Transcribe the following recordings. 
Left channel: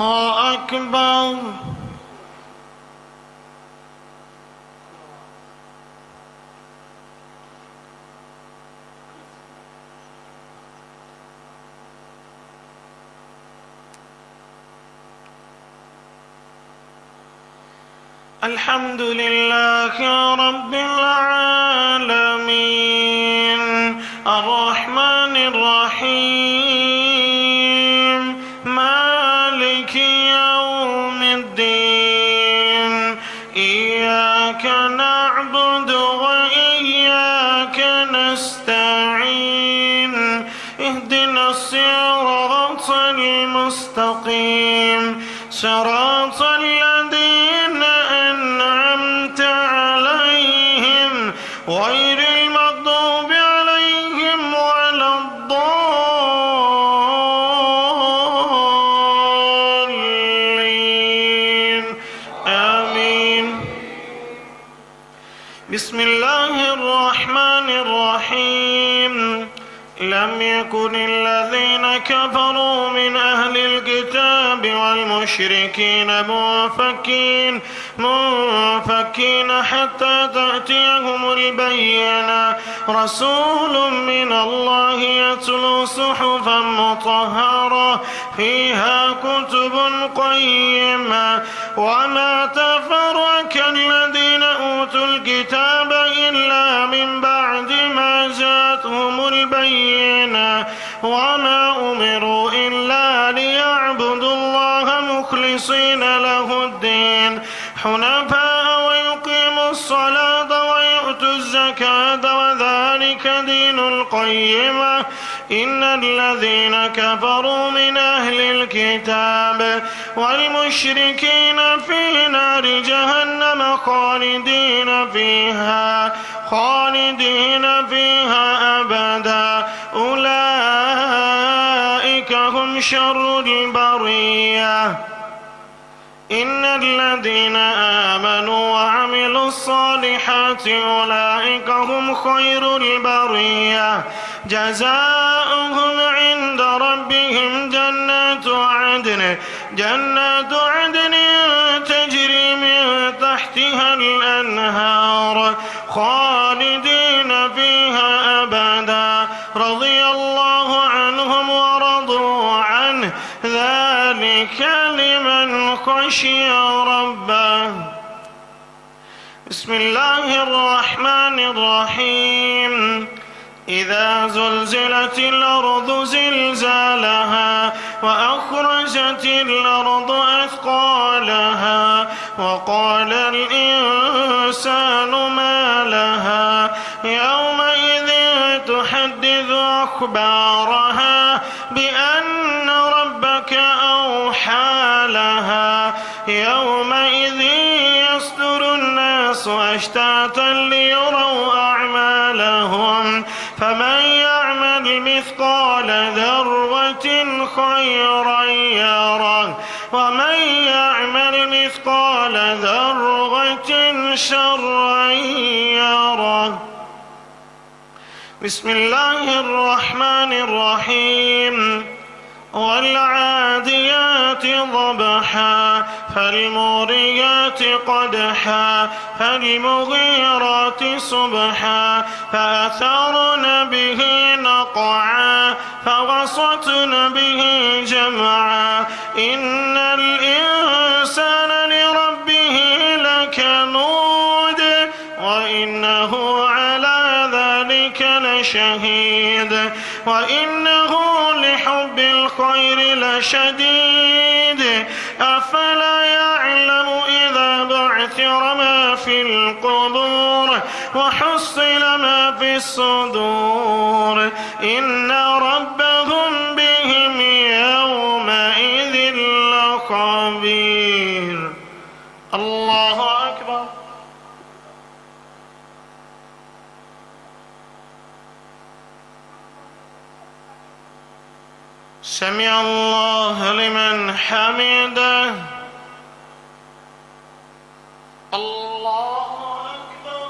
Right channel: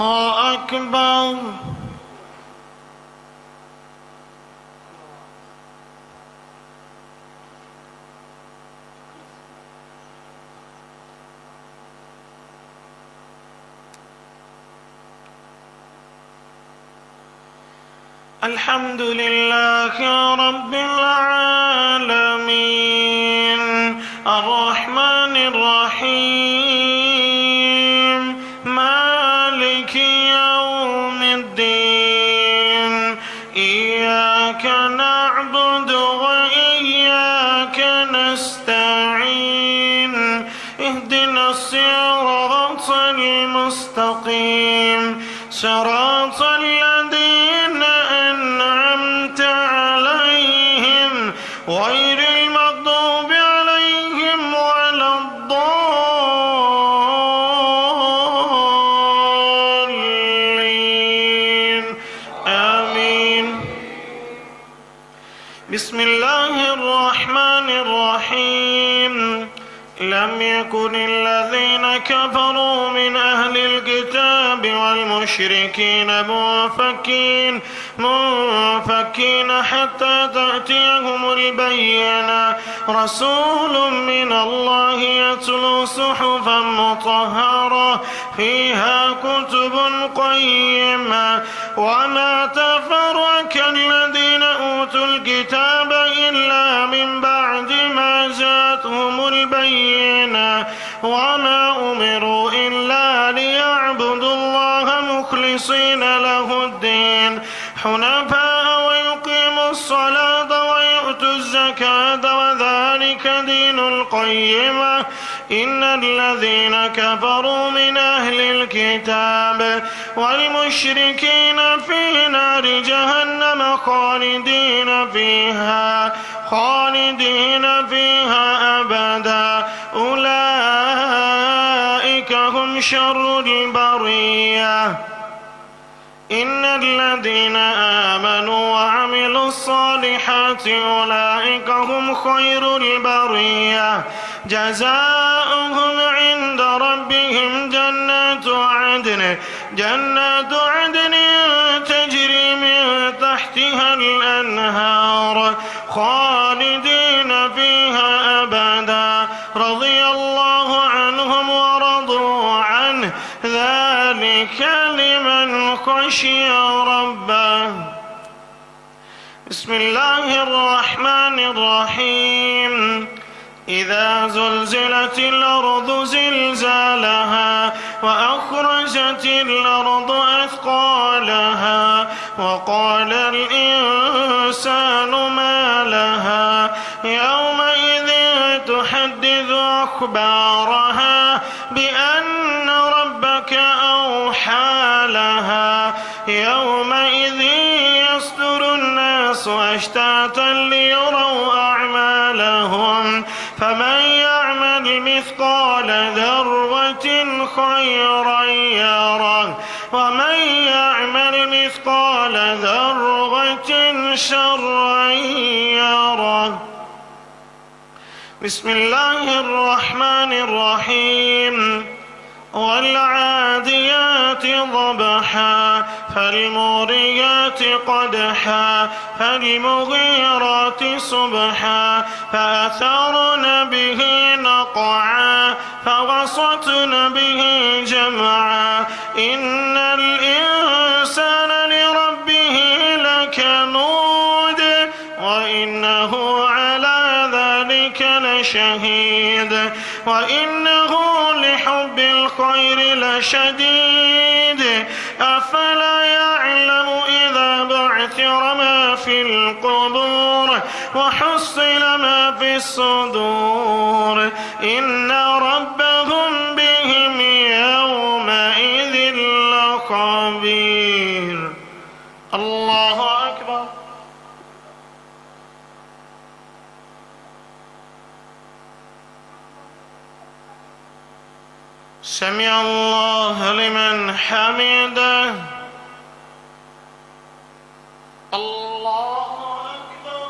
الله أكبر. الحمد لله رب العالمين الرحمن الرحيم مالك يوم الدين إياك نعبد وإياك نستعين اهدنا الصراط المستقيم صراط الذين أنعمت عليهم غير المغضوب عليهم ولا الضالين آمين. بسم الله الرحمن الرحيم. لم يكن الذين كفروا من أهل الكتاب والمشركين منفكين حتى تأتيهم البينة رسول من الله يتلو صحفا مطهرة فيها كتب قيمة وما تفرق الذين أوتوا الكتاب إلا من بعد ما جاءتهم البينة وما أمروا إلا ليعبدوا الله مخلصين له الدين حنفاء ويقيموا الصلاة ويؤتوا الزكاة وذلك دين القيمة إن الذين كفروا من أهل الكتاب والمشركين في نار جهنم خالدين فيها أبدا أولئك هم شر البرية. إن الذين آمنوا وعملوا الصالحات أولئك هم خير البرية جزاؤهم عند ربهم جنات عدن تجري من تحتها الأنهار خالدين فيها أبدا رضي الله عنهم ورضوا عنه ذلك لمن خشي ربه. بسم الله الرحمن الرحيم. إذا زلزلت الأرض زلزالها وأخرجت الأرض أثقالها وقال الإنسان ما لها يومئذ تحدث أخبارها بأن ربك أوحى لها يومئذ يصدر الناس أشتاتا ليروا أعمالهم فمن يعمل مثقال ذرة خيرا يره ومن يعمل مثقال ذرة شرا يره. بسم الله الرحمن الرحيم. والعاديات ضبحا فالموريات قدحا فالمغيرات صبحا فأثرن به نقعا فوسطن به جمعا إن الإنسان لربه لكنود وإنه على ذلك لشهيد وإنه لحب الخير لشديد أفلا يعلم إذا بعثر ما في القبور وحصل ما في الصدور إن ربهم بهم يومئذ لخبير. الله أكبر. سمع الله لمن حمده. الله أكبر.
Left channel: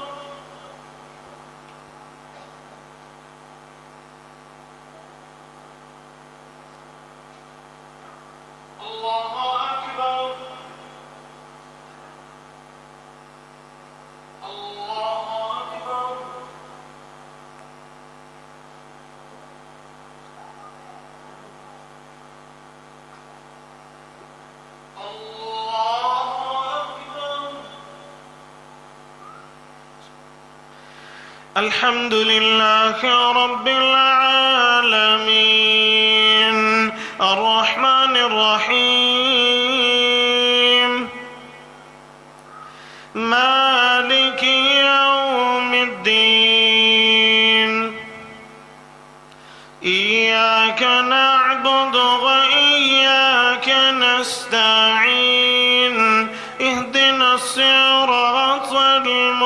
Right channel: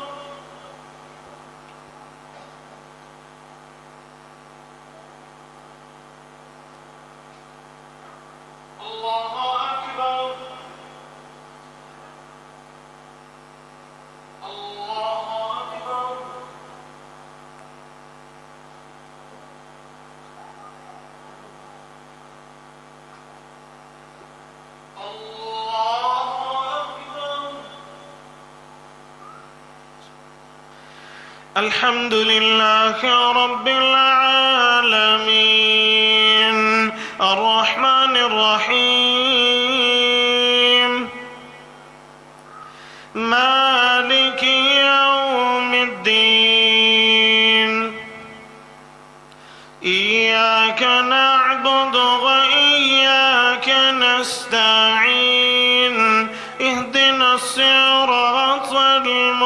الله أكبر. الحمد لله رب العالمين الرحمن الرحيم مالك يوم الدين إياك نعبد وإياك نستعين اهدنا الصراط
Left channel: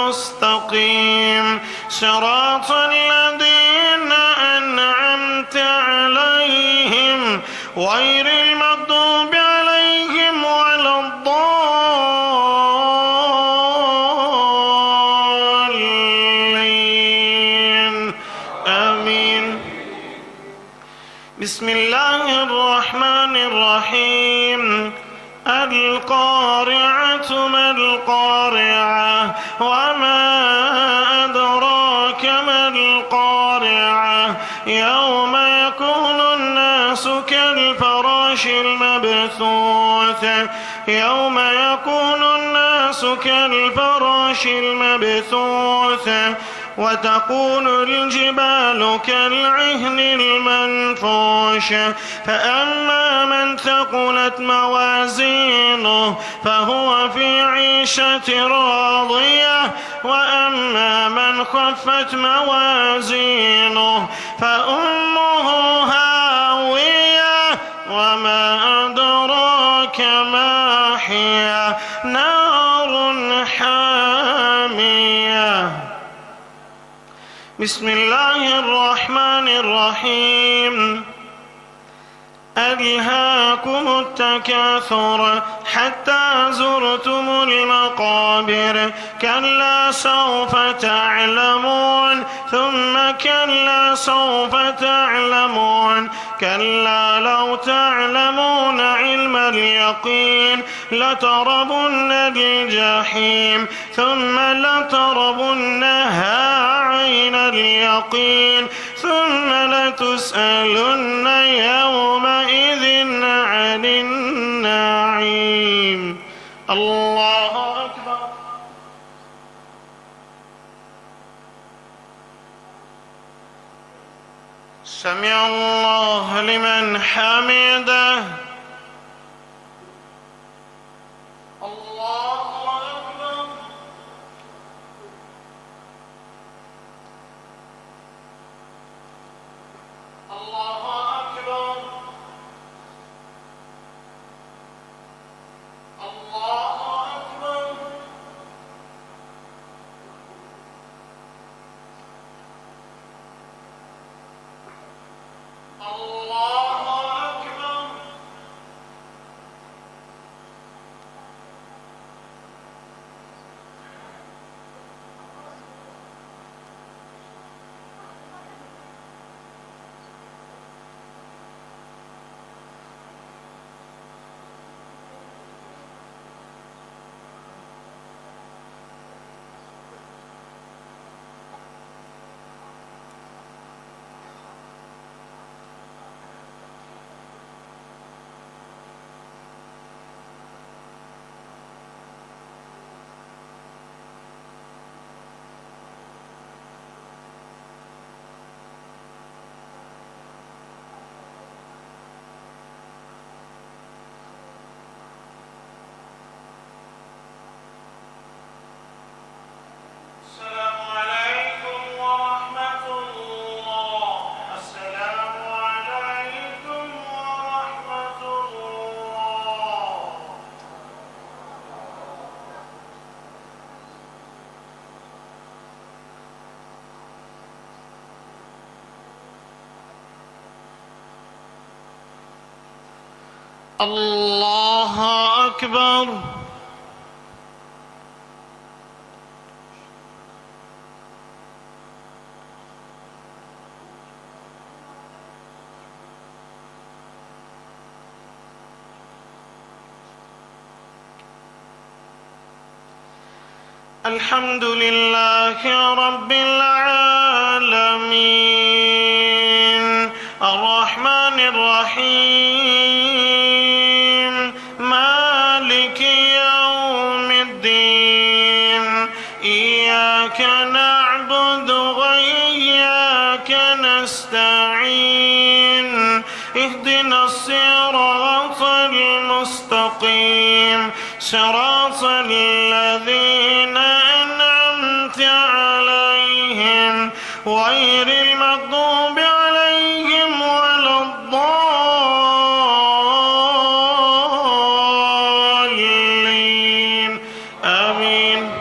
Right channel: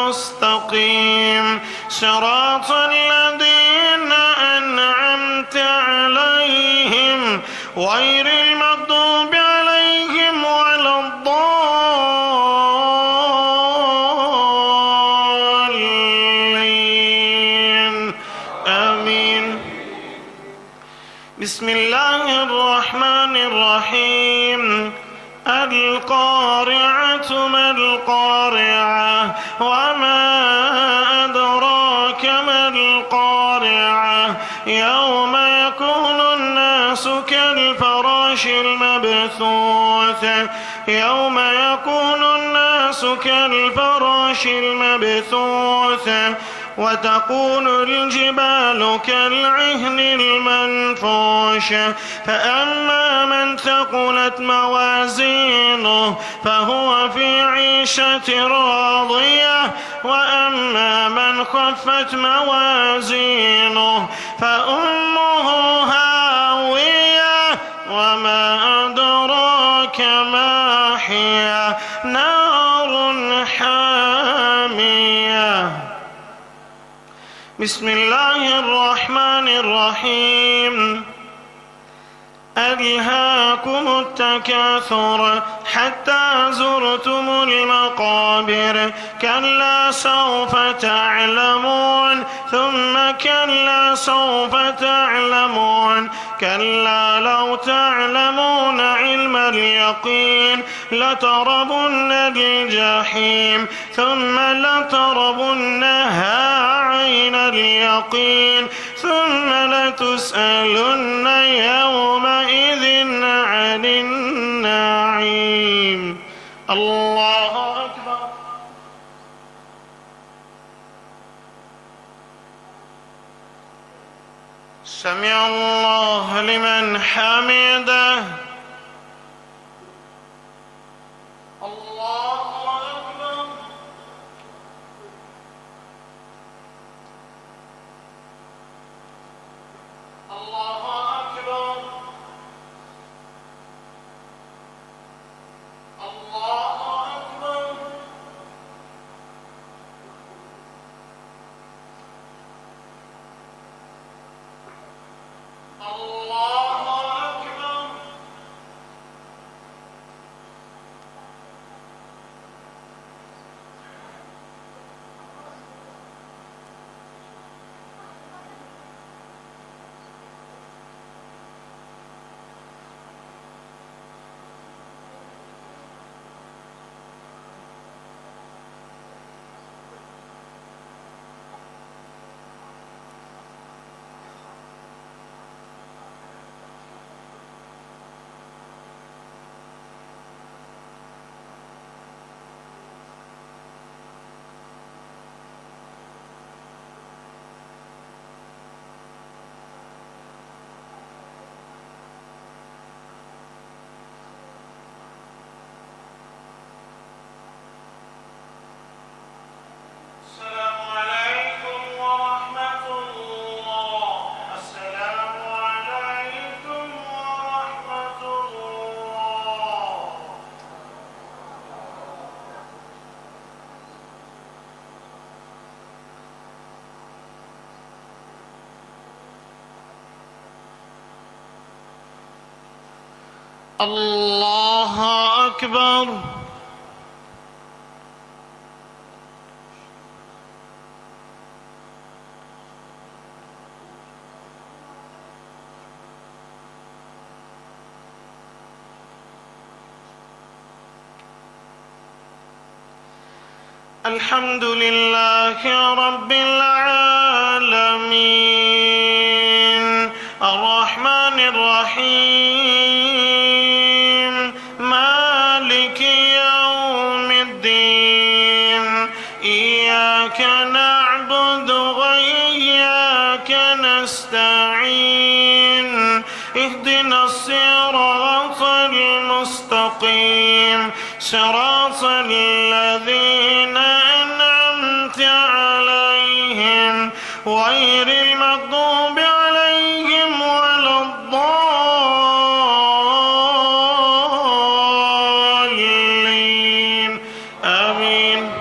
المستقيم صراط الذين أنعمت عليهم غير المغضوب عليهم ولا الضالين آمين. بسم الله الرحمن الرحيم القارعة ما القارعة وما أدراك ما القارعة يوم يكون الناس كالفراش المبثوث يوم يكون الناس كالفراش المبثوث وتكون الجبال كالعهن المنفوش فأما من ثقلت موازينه فهو في عيشة راضية وأما من خفت موازينه فأمه هاوية وما أدراك ما هي نار حامية. بسم الله الرحمن الرحيم ألهاكم التكاثر حتى زرتم المقابر كلا سوف تعلمون ثم كلا سوف تعلمون كلا لو تعلمون علم اليقين لتربن الجحيم ثم لتربنها عين اليقين ثم لتسألن يومئذ عن النعيم. الله أكبر. سمع الله لمن حمده. الله أكبر. الحمد لله رب العالمين الرحمن الرحيم مالك يوم الدين إياك نعبد الصراط المستقيم صراط الذين أنعمت عليهم غير المغضوب عليهم ولا الضالين آمين.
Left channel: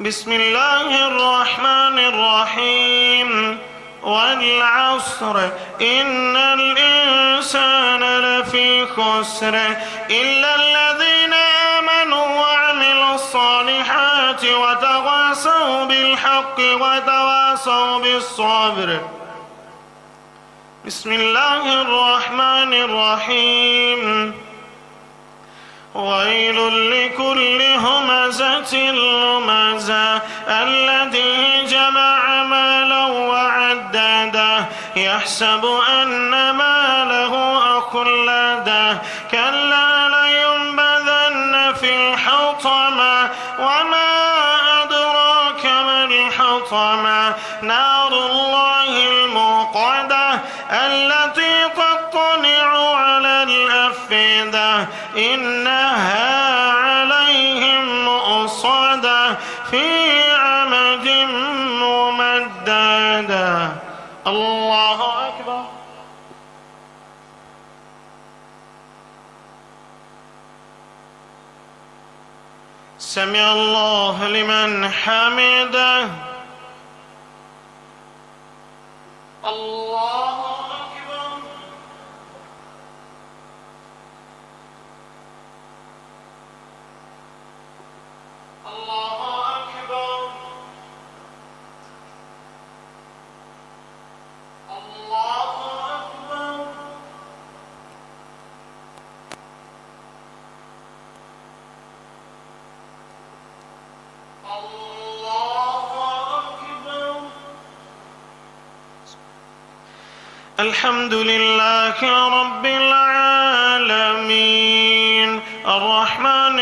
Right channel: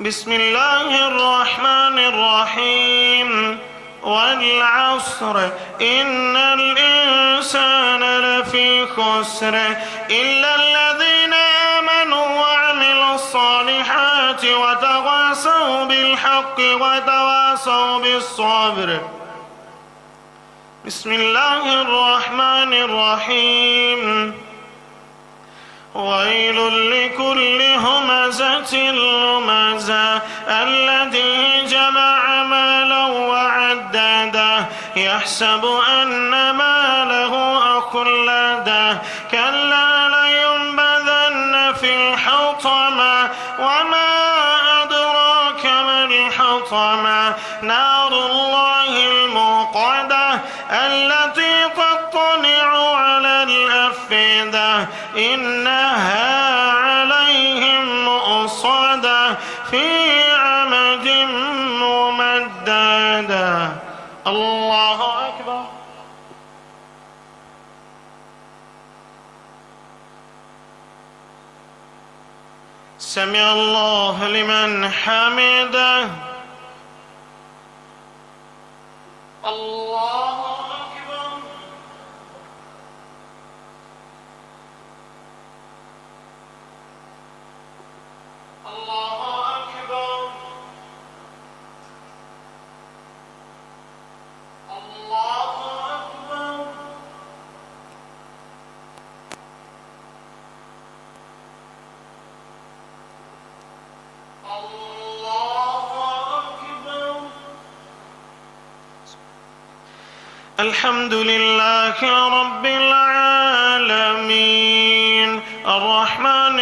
بسم الله الرحمن الرحيم. والعصر إن الإنسان لفي خسر إلا الذين آمنوا وعملوا الصالحات وتواصوا بالحق وتواصوا بالصبر. بسم الله الرحمن الرحيم. ويل لكل همزة لمزة الذي جمع مالا وعدده يحسب أن ماله أخلده كلا لينبذن في الحطمة وما أدراك ما الحطمة نار الله الموقدة التي تطلع على الأفئدة إنها عليهم مؤصدة في عمد ممددة. الله أكبر. سمع الله لمن حمده. الله أكبر. الله أكبر. الله أكبر. الله أكبر. الحمد لله رب العالمين الرحمن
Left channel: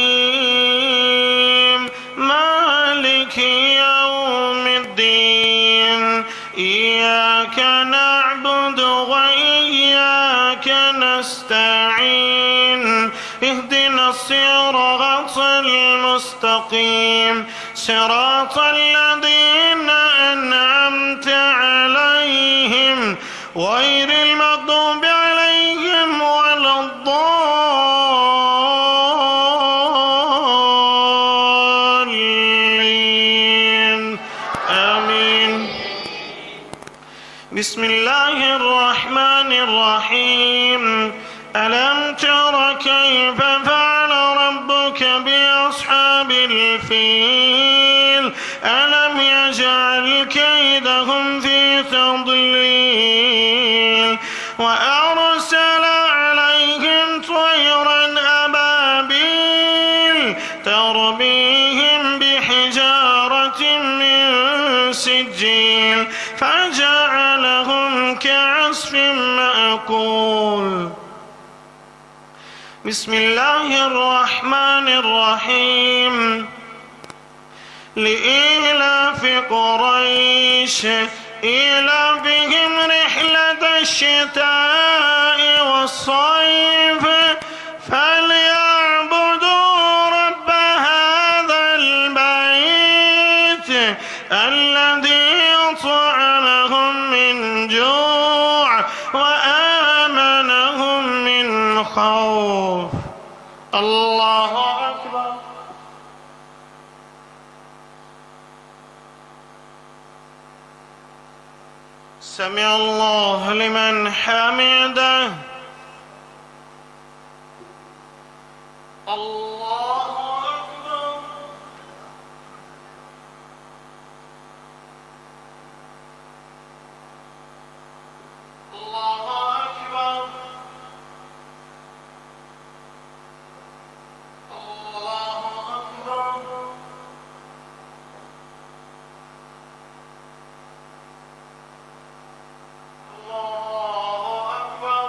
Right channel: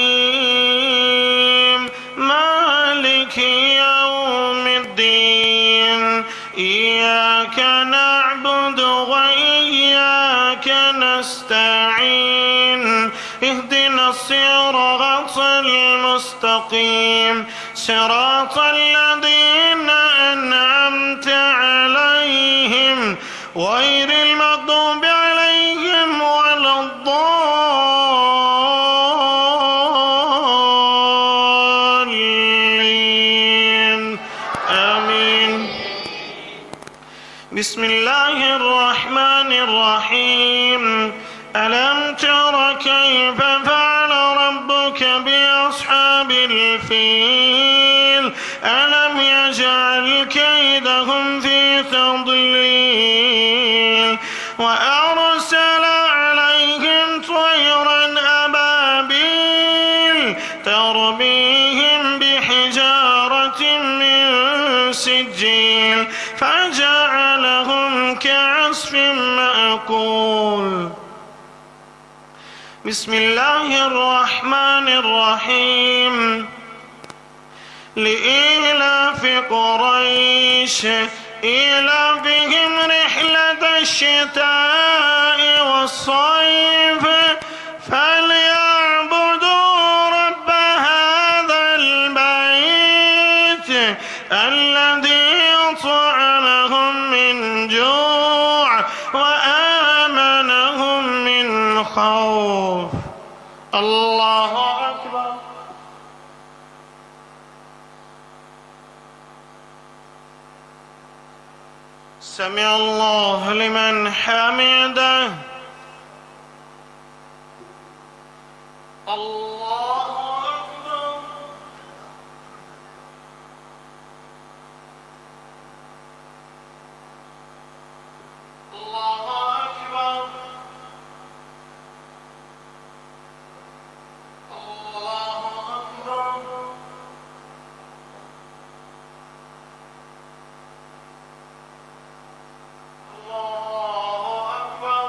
الرحيم مالك يوم الدين إياك نعبد وإياك نستعين اهدنا الصراط المستقيم صراط الذين أنعمت عليهم غير المغضوب عليهم ولا الضالين آمين. بسم الله الرحمن الرحيم. ألم تر كيف فعل ربك بأصحاب الفيل ألم يجعل كيدهم في تضليل وأرسل عليهم طيرا أبابيل ترميهم بحجارة من سجيل فجعلهم كعصف مأكول. بسم الله الرحمن الرحيم. لإيلاف قريش إيلافهم رحلة الشتاء والصيف فليعبدوا رب هذا البيت الذي أطعمهم من جوع وآمنهم من خوف. الله أكبر. سمع الله لمن حمده. الله أكبر. الله أكبر. الله أكبر. الله أكبر.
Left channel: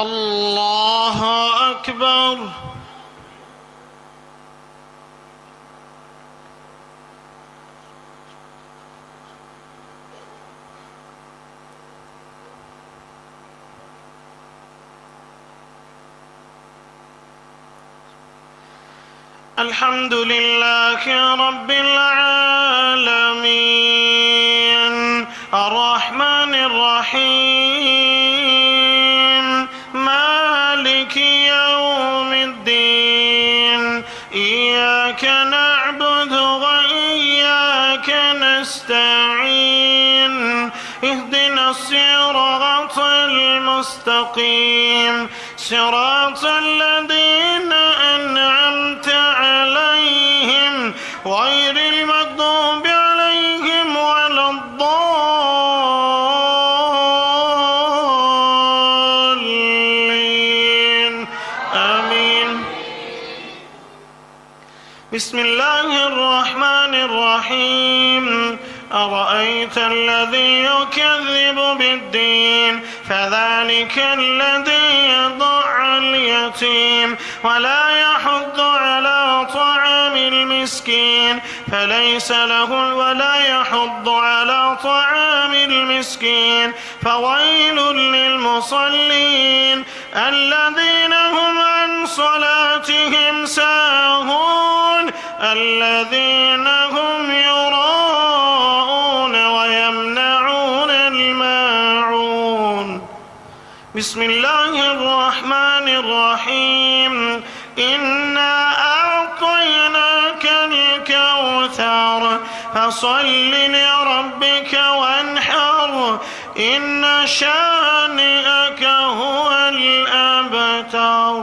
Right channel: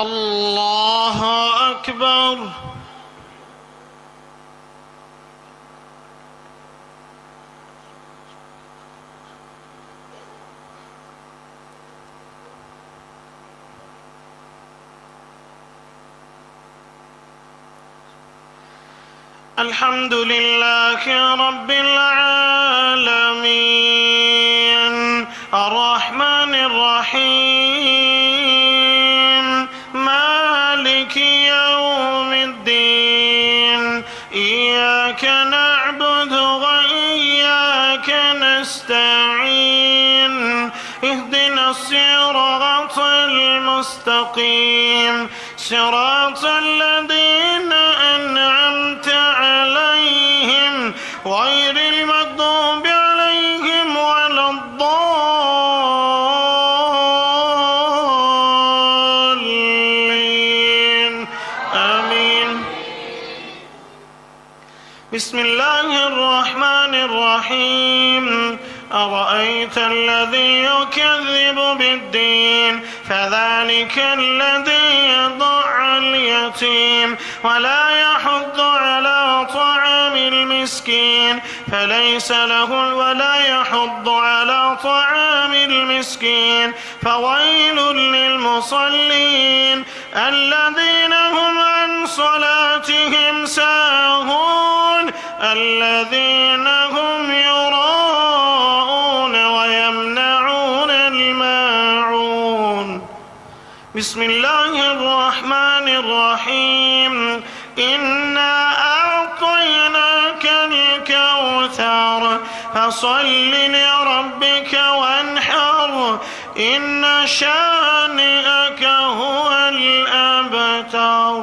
الله أكبر. الحمد لله رب العالمين الرحمن الرحيم مالك يوم الدين إياك نعبد وإياك نستعين اهدنا الصراط المستقيم صراط الذين أنعمت عليهم غير المغضوب عليهم ولا الضالين آمين. بسم الله الرحمن الرحيم أرأيت الذي يكذب بالدين فذلك الذي يضع اليتيم ولا يحض على طعام المسكين ولا يحض على طعام المسكين فويل للمصلين الذين هم عن صلاتهم ساهون الذين هم يراءون ويمنعون الماعون. بسم الله الرحمن الرحيم إنا أعطيناك الكوثر فصل لربك وانحر إن شانئك هو الأبتر.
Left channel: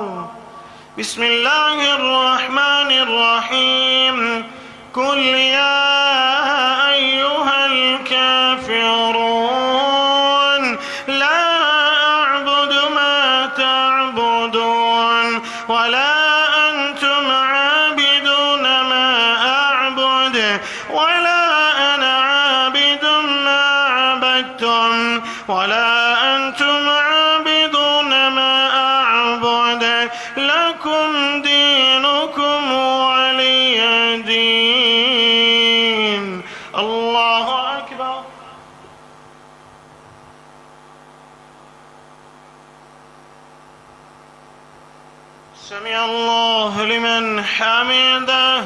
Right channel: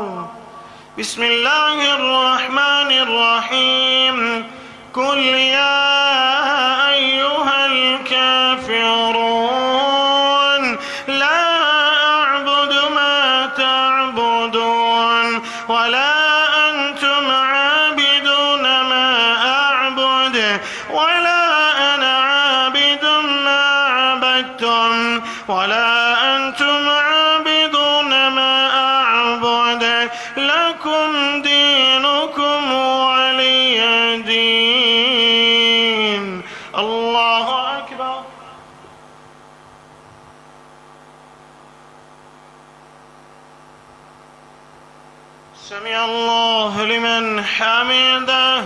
بسم الله الرحمن الرحيم قل يا أيها الكافرون لا أعبد ما تعبدون ولا أنتم عابدون ما أعبد ولا أنا عابد ما عبدتم ولا أنتم عابدون ما أعبد لكم دينكم ولي دين. الله أكبر. سمع الله لمن حمده.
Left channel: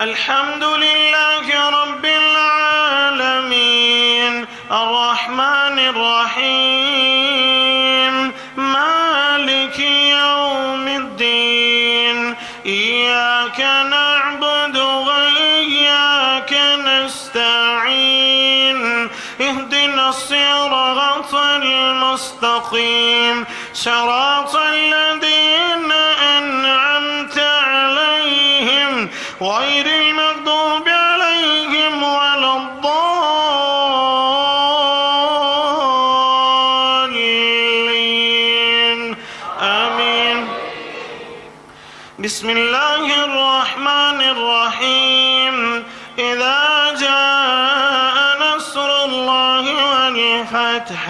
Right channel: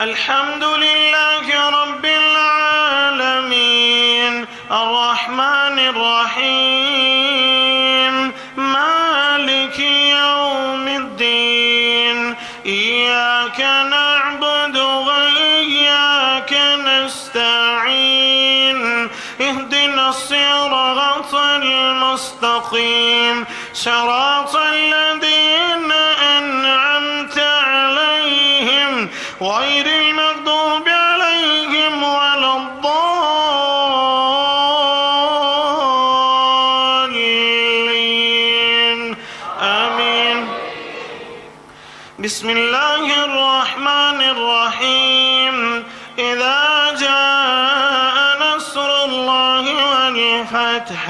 الحمد لله رب العالمين الرحمن الرحيم مالك يوم الدين إياك نعبد وإياك نستعين اهدنا الصراط المستقيم صراط الذين أنعمت عليهم غير المغضوب عليهم ولا الضالين آمين. بسم الله الرحمن الرحيم إذا جاء نصر الله والفتح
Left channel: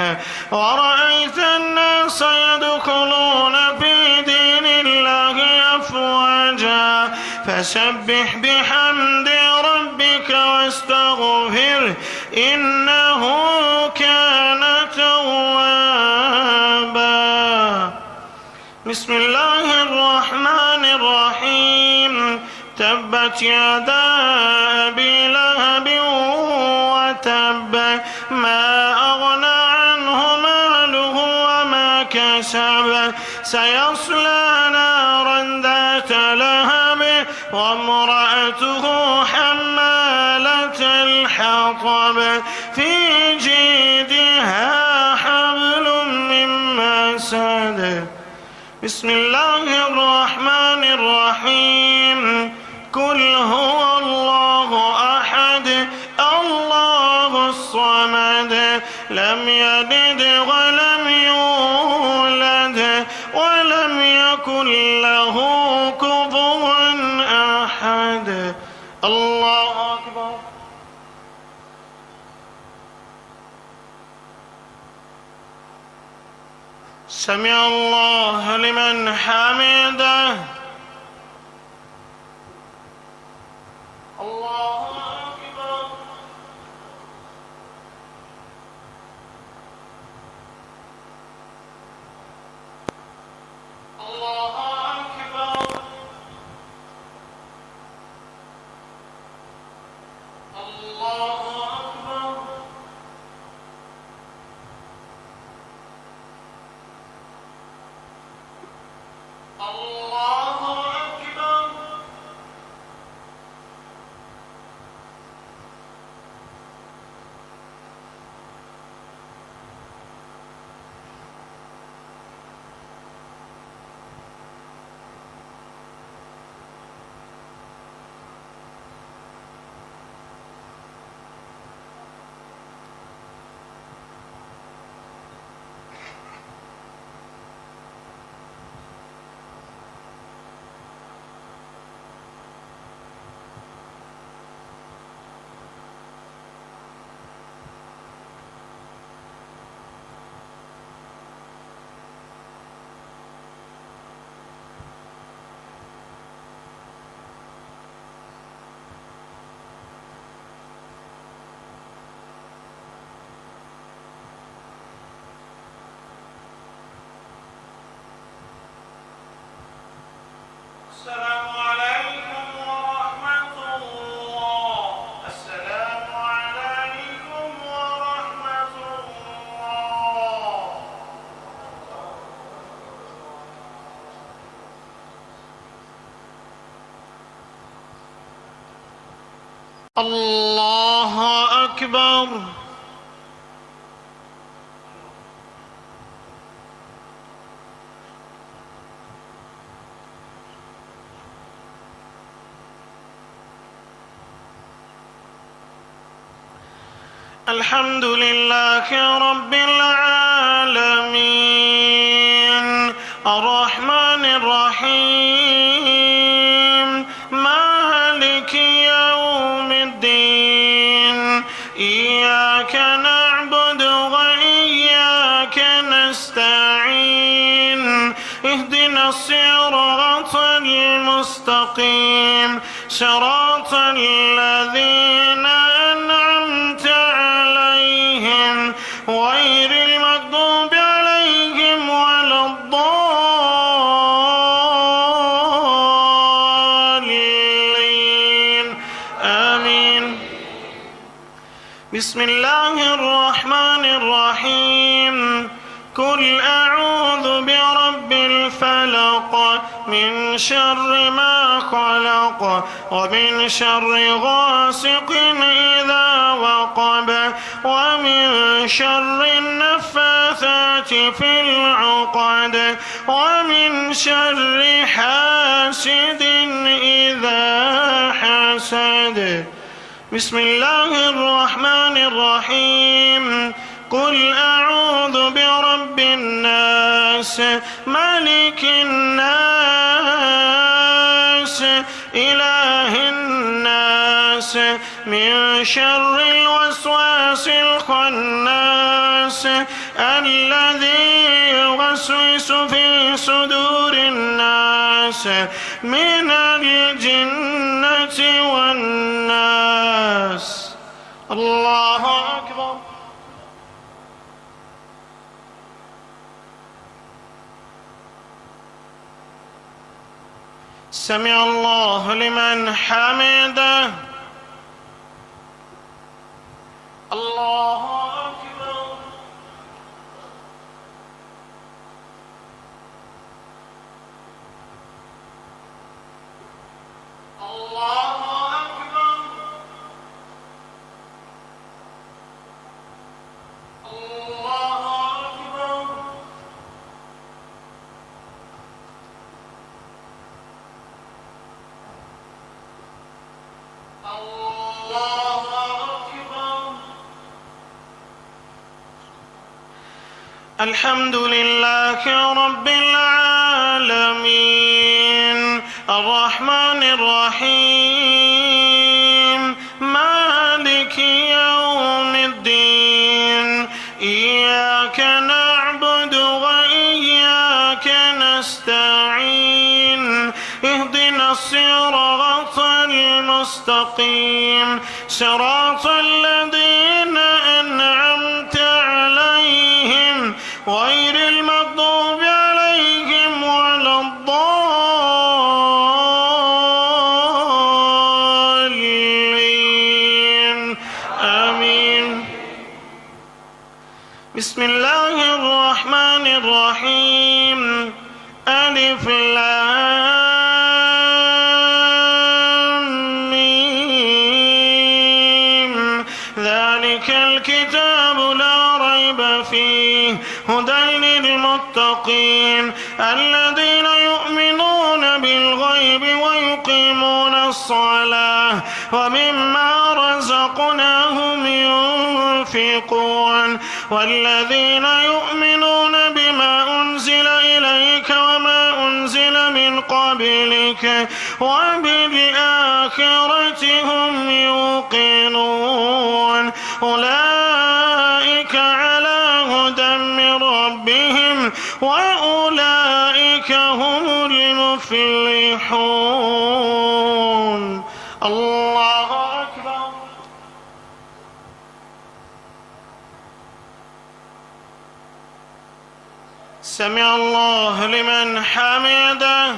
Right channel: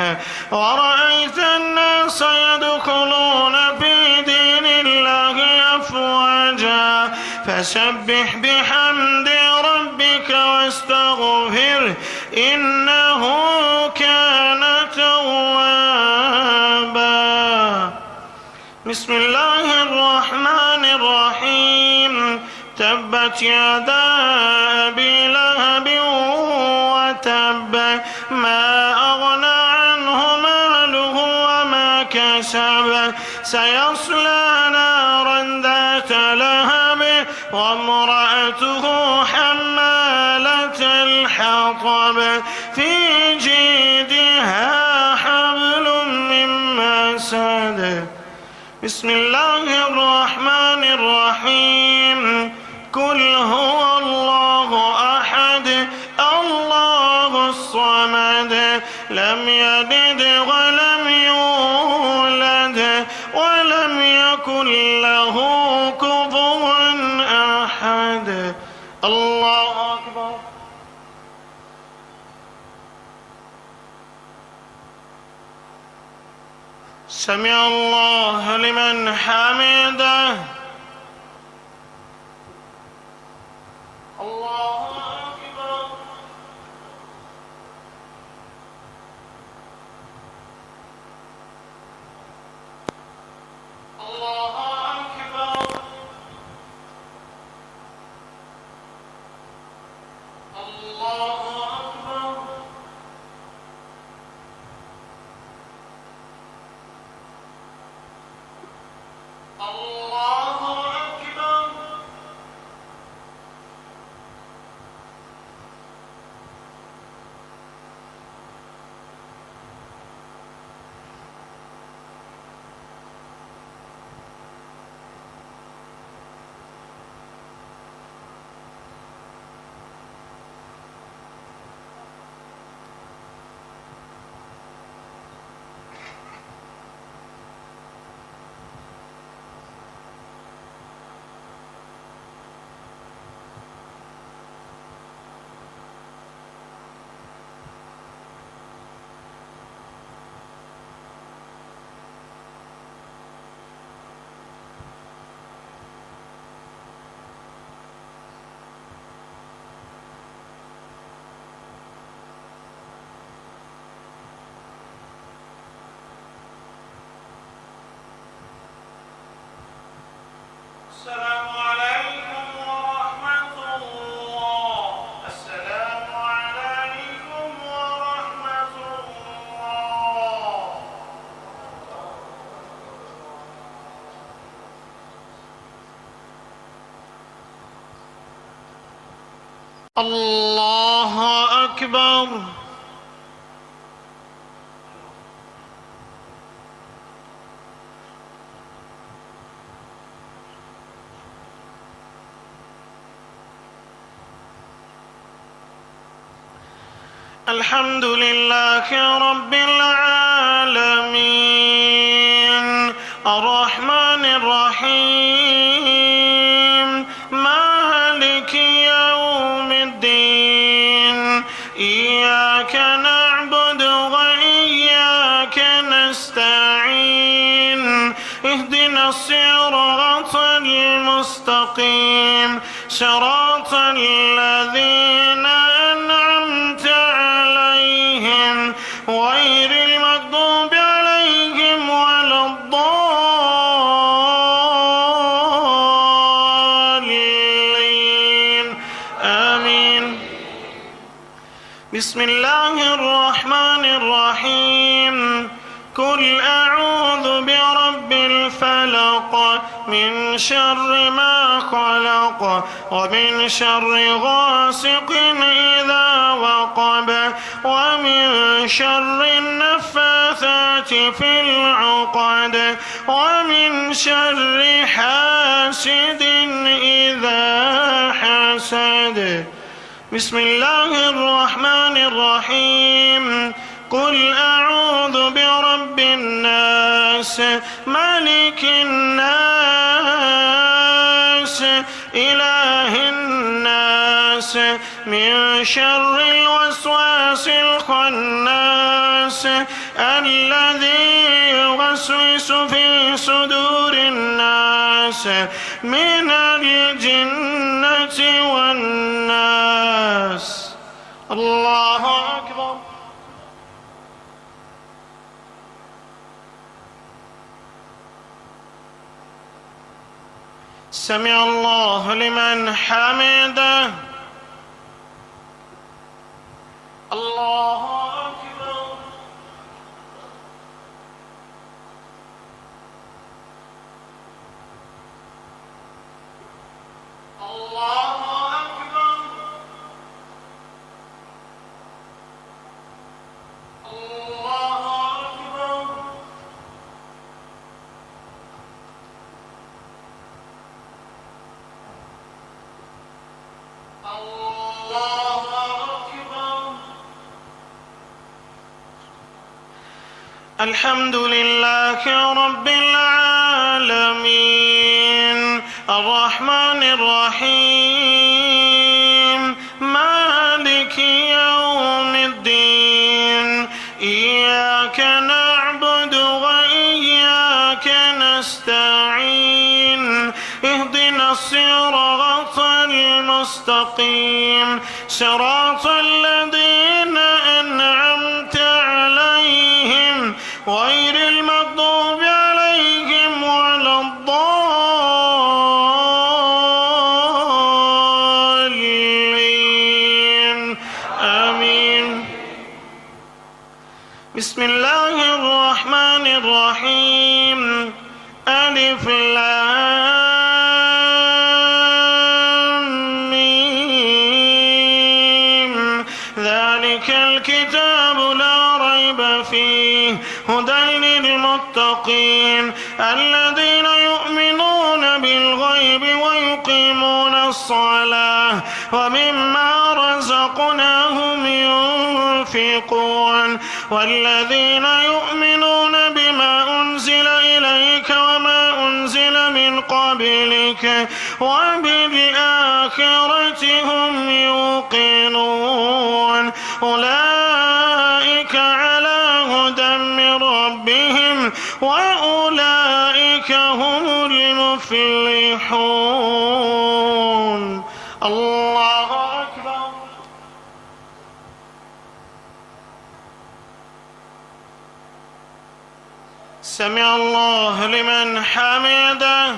ورأيت الناس يدخلون في دين الله أفواجا فسبح بحمد ربك واستغفره إنه كان توابا. بسم الله الرحمن الرحيم تبت يدا أبي لهب وتب ما أغنى عنه ماله وما كسب سيصلى نارا ذات لهب وامرأته حمالة الحطب بسم الله الرحمن الرحيم قل هو الله أحد الله الصمد لم يلد ولم يولد ولم يكن له كفوا أحد. الله أكبر. سمع الله لمن حمده. الله أكبر. الله أكبر. الله أكبر. الله أكبر. السلام عليكم ورحمة الله. السلام عليكم ورحمة الله. الله أكبر. الحمد لله رب العالمين الرحمن الرحيم مالك يوم الدين إياك نعبد وإياك نستعين اهدنا الصراط المستقيم صراط الذين أنعمت عليهم غير المغضوب عليهم ولا الضالين آمين. بسم الله الرحمن الرحيم قل أعوذ برب الفلق من شر ما خلق ومن شر غاسق إذا وقب ومن شر النفاثات في العقد ومن شر حاسد إذا حسد. بسم الله الرحمن الرحيم قل أعوذ برب الناس ملك الناس إله الناس من شر الوسواس الخناس الذي يوسوس في صدور الناس من الجنة والناس. الله أكبر. سمع الله لمن حمده. الله أكبر. الله أكبر. الله أكبر. الحمد لله رب العالمين الرحمن الرحيم مالك يوم الدين إياك نعبد وإياك نستعين اهدنا الصراط المستقيم صراط الذين أنعمت عليهم غير المغضوب عليهم ولا الضالين آمين. بسم الله الرحمن الرحيم ألف لام ميم ذلك الكتاب لا ريب فيه هدى للمتقين الذين يؤمنون بالغيب ويقيمون الصلاة ومما رزقناهم ينفقون والذين يؤمنون بما أنزل إليك وما أنزل من قبلك وبالآخرة هم يوقنون أولئك على هدى من ربهم وأولئك هم المفلحون. الله أكبر. سمع الله لمن حمده.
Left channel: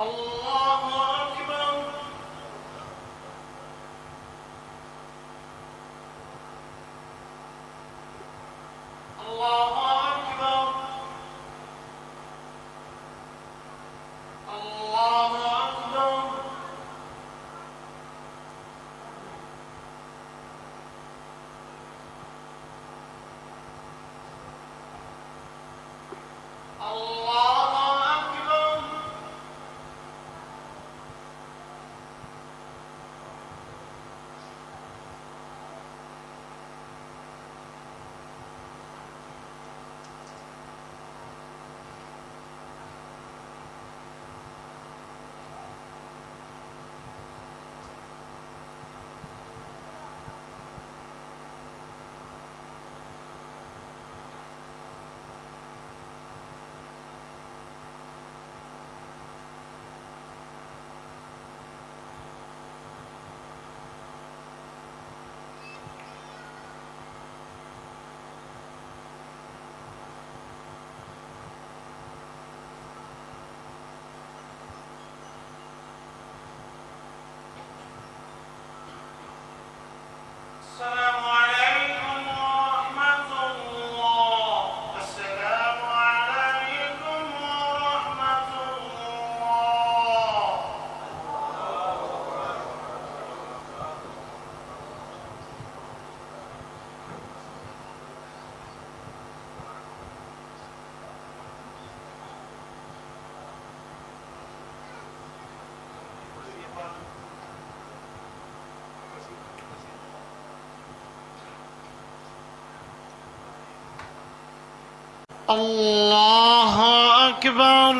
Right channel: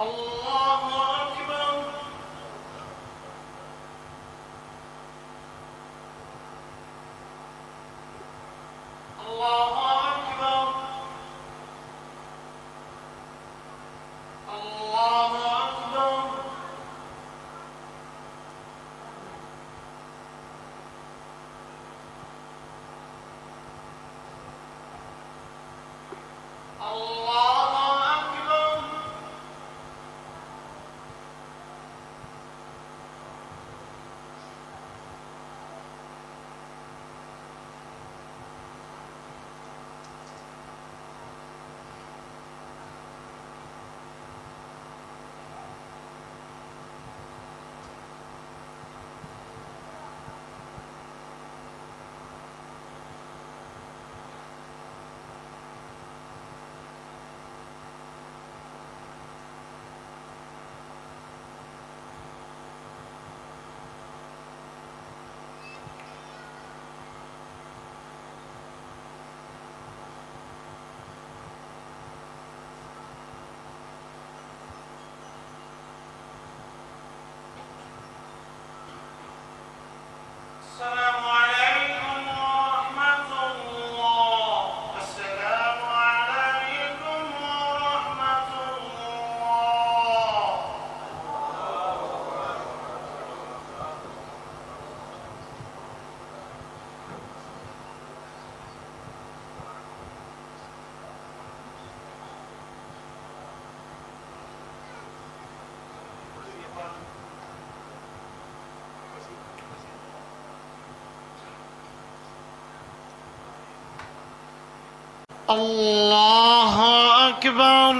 الله أكبر. الله أكبر. الله أكبر. الله أكبر. السلام عليكم ورحمة الله. السلام عليكم ورحمة الله. الله أكبر.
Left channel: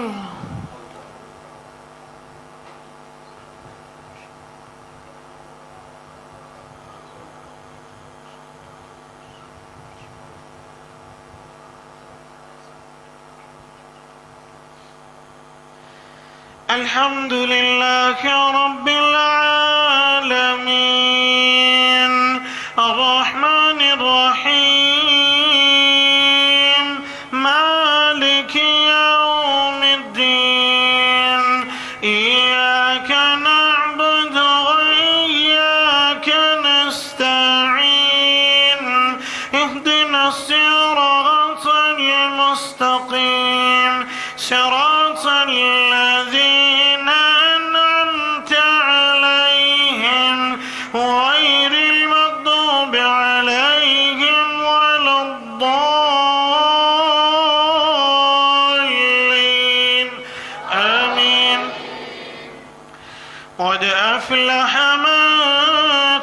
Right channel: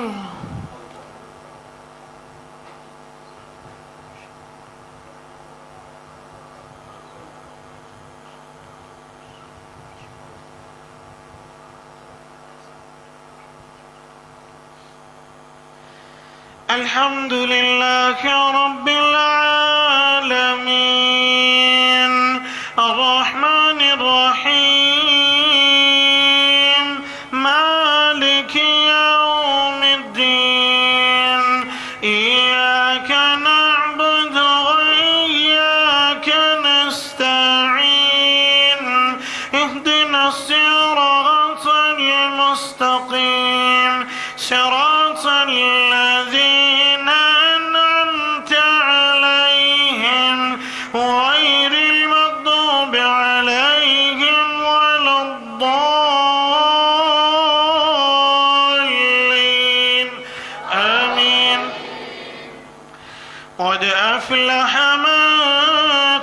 الحمد لله رب العالمين الرحمن الرحيم مالك يوم الدين إياك نعبد وإياك نستعين اهدنا الصراط المستقيم صراط الذين أنعمت عليهم غير المغضوب عليهم ولا الضالين آمين. قد أفلح من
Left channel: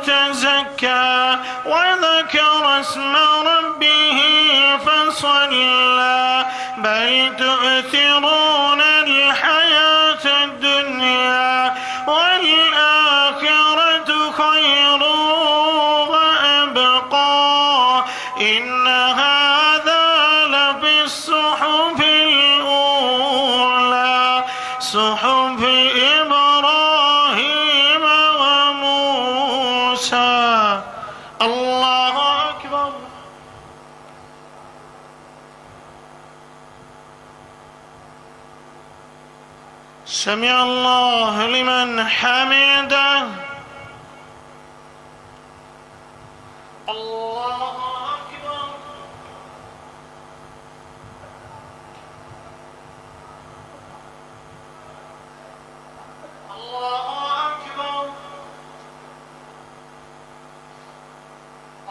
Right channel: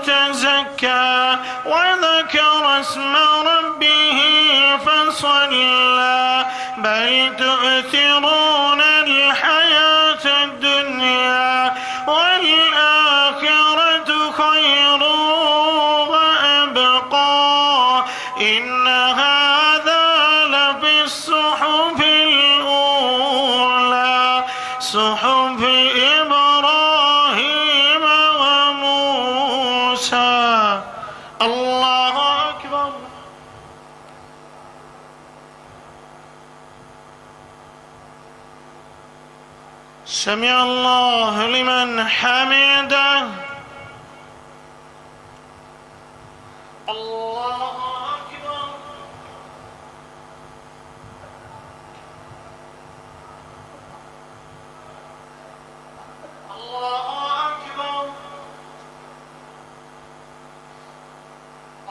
تزكى وذكر اسم ربه فصلى بل تؤثرون الحياة الدنيا والآخرة خير وأبقى إن هذا لفي الصحف الأولى صحف إبراهيم وموسى. الله أكبر. سمع الله لمن حمده. الله أكبر. الله أكبر.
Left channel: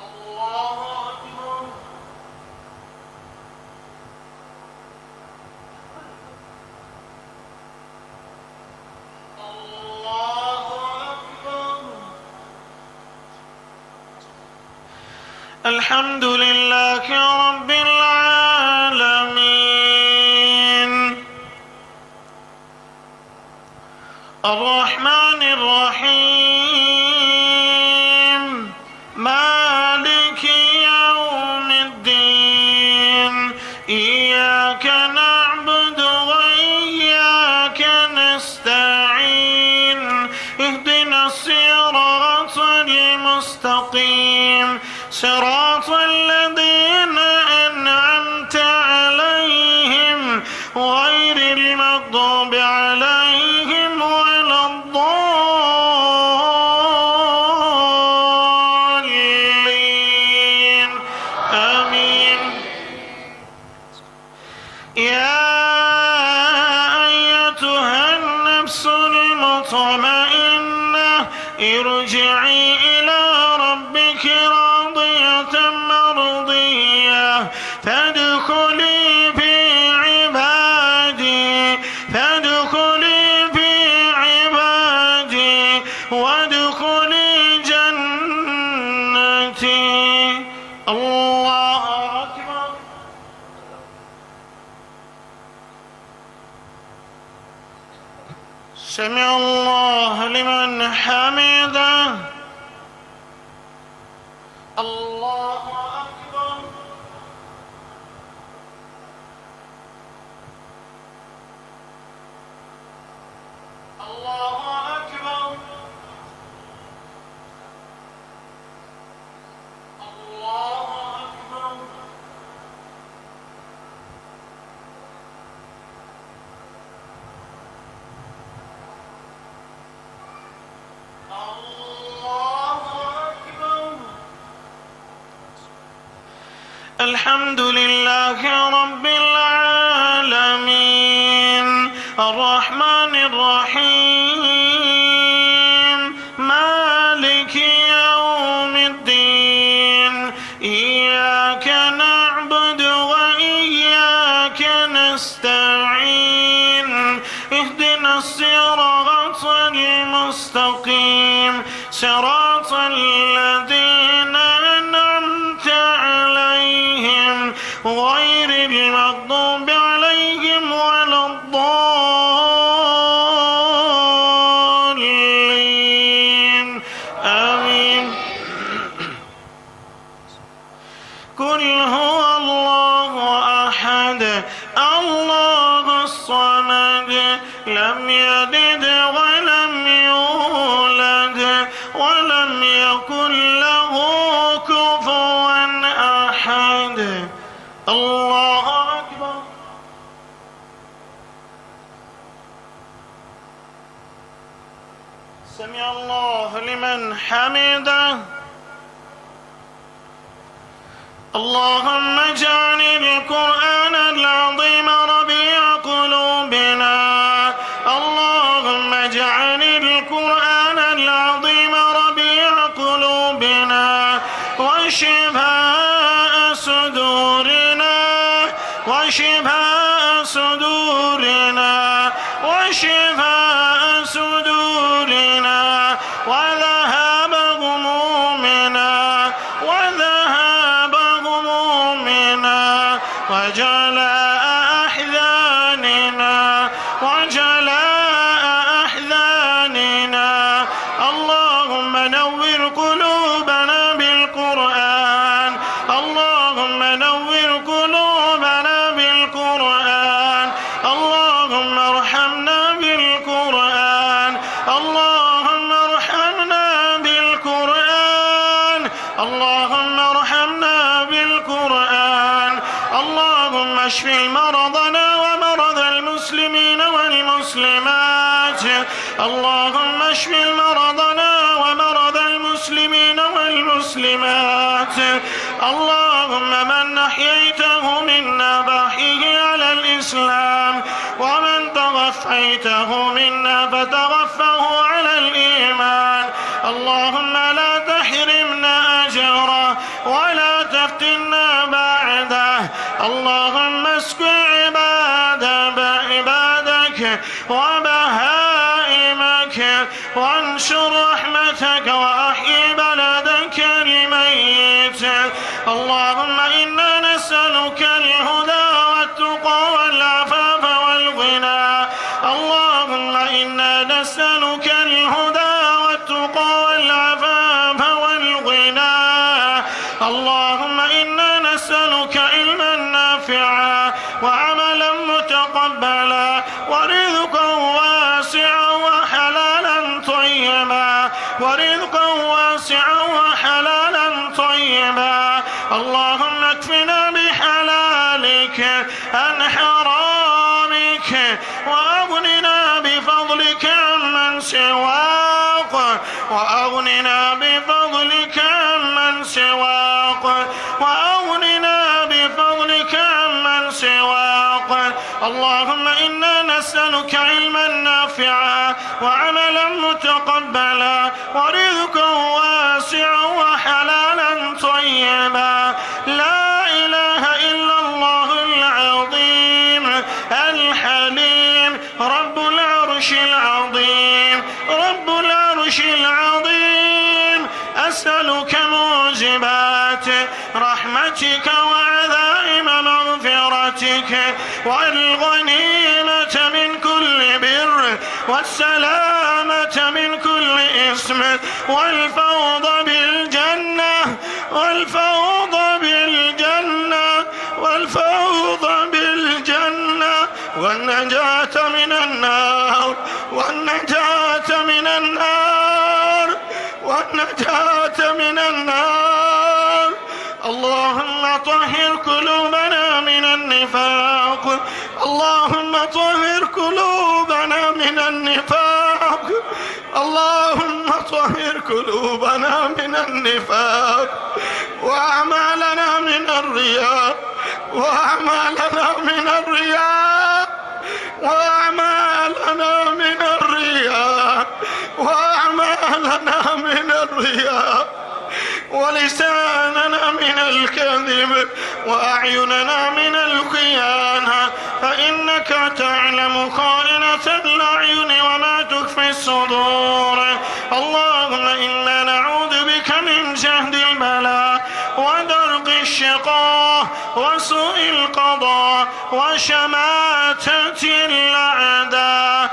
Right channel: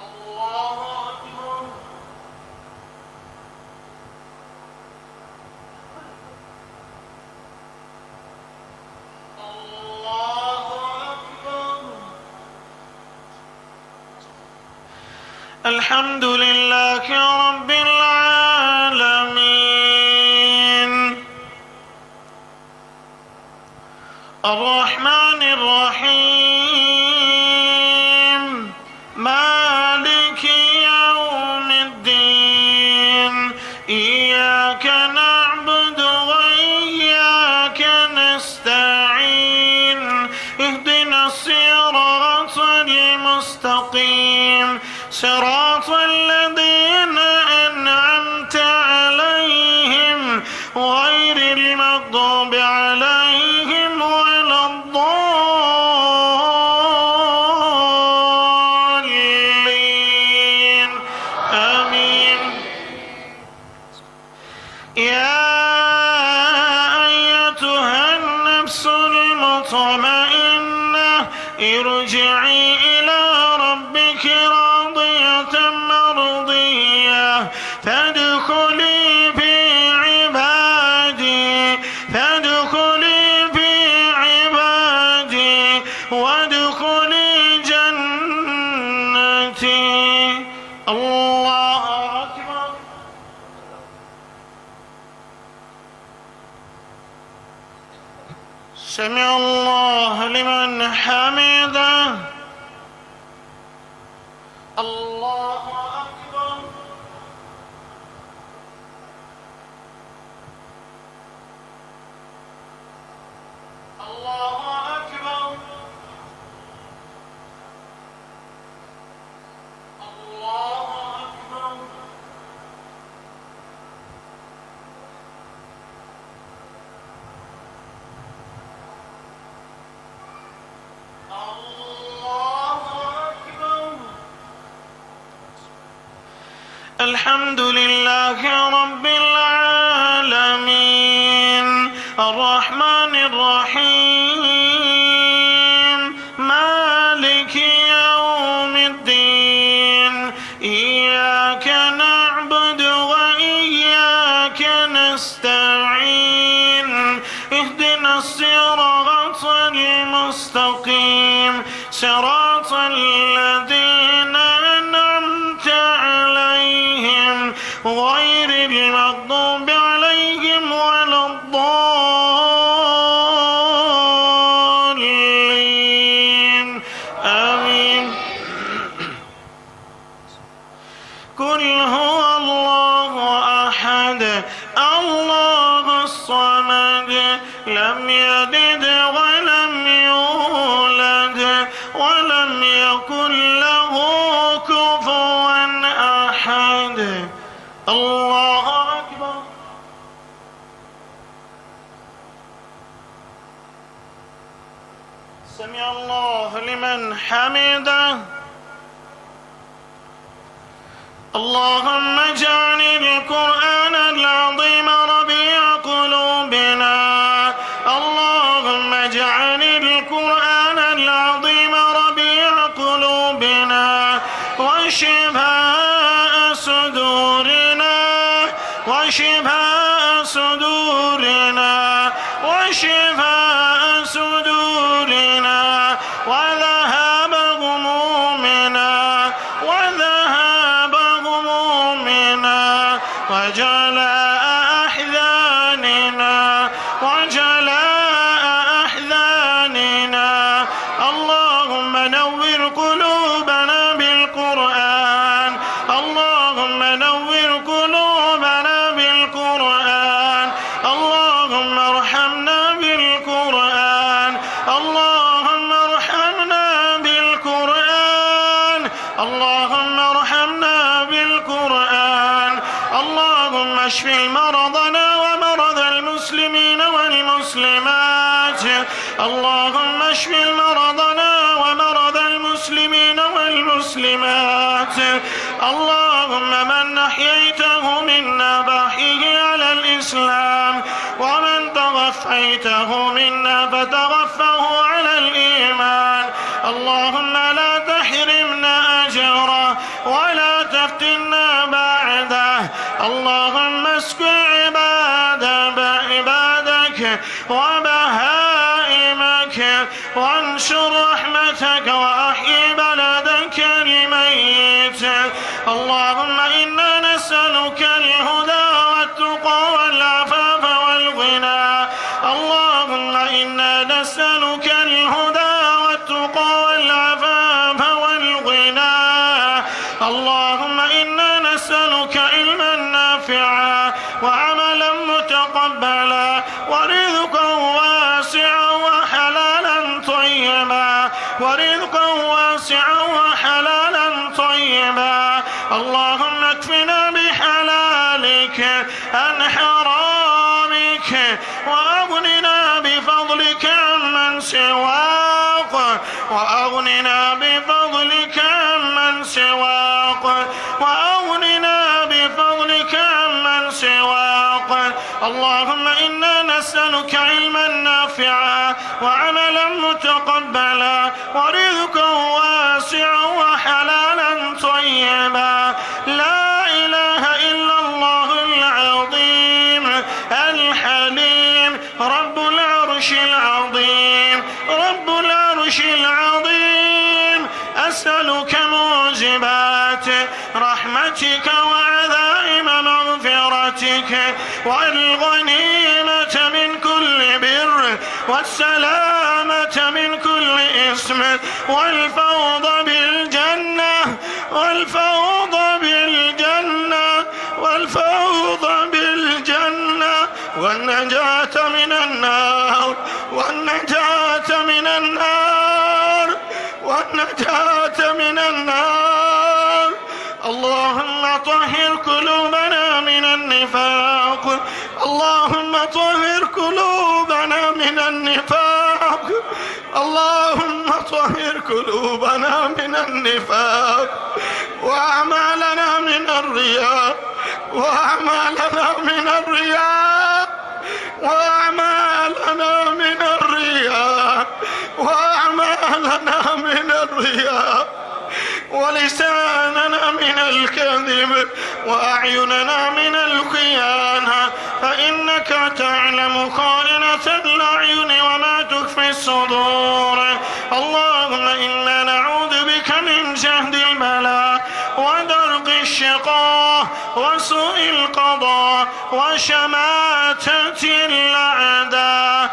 الله أكبر. الله أكبر. الحمد لله رب العالمين الرحمن الرحيم مالك يوم الدين إياك نعبد وإياك نستعين اهدنا الصراط المستقيم صراط الذين أنعمت عليهم غير المغضوب عليهم ولا الضالين آمين. يا أيتها النفس المطمئنة ارجعي إلى ربك راضية مرضية فادخلي في عبادي وادخلي جنتي. الله أكبر. سمع الله لمن حمده. الله أكبر. الله أكبر. الله أكبر. الله أكبر. الحمد لله رب العالمين الرحمن الرحيم مالك يوم الدين إياك نعبد وإياك نستعين اهدنا الصراط المستقيم صراط الذين أنعمت عليهم غير المغضوب عليهم ولا الضالين آمين. قل هو الله أحد الله الصمد لم يلد ولم يولد ولم يكن له كفوا أحد. الله أكبر. سمع الله لمن حمده. اللهم اجعل القرآن العظيم ربيع قلوبنا. اللهم اجعل القرآن العظيم ربيع قلوبنا وشفاء صدورنا وشفاء صدورنا وشفاء صدورنا وذهاب همومنا وذهاب همومنا وجلاء أحزاننا اللهم نور قلوبنا بالقرآن اللهم نور قلوبنا بالقرآن اللهم ارحمنا بالقرآن اللهم ارحمنا بالقرآن اللهم ارحمنا بالقرآن اللهم اشف مرضنا ومرضى المسلمين والمسلمات اللهم اشف مرضنا ومرضى المسلمين والمسلمات اللهم من أحييته منا فأحيه على الإسلام ومن توفيته منا فتوفه على الإيمان اللهم لا تحرمنا أجره ولا تفتنا بعده اللهم اسق عبادك وبهائمك وانشر رحمتك وأحيي بلدك الميت اللهم إنا نسألك الهدى والتقى والعفاف والغنى اللهم إنا نسألك الهدى والتقى والعفاف والغنى اللهم إنا نسألك علما نافعا وعملا متقبلا ورزقا واسعا وحلالا طيبا اللهم اكفنا بحلالك عن حرامك وأغننا بفضلك عمن سواك اللهم إنا نسألك علما نافعا وعملا متقبلا ورزقا واسعا وحلالا طيبا لا إله إلا الله العظيم الحليم رب العرش العظيم أسألك موجبات رحمتك وعزائم مغفرتك والغنيمة من كل بر والسلامة من كل إثم والفوض بالجنة والنجاة من النار اللهم طهر قلوبنا من النفاق وأعمالنا من الرياء ولساننا من الكذب وأعيننا من الخيانة فإنك تعلم خائنة الأعين وما تخفي الصدور اللهم إنا نعوذ بك من جهد البلاء ودرك الشقاء وسوء القضاء وشماتة الأعداء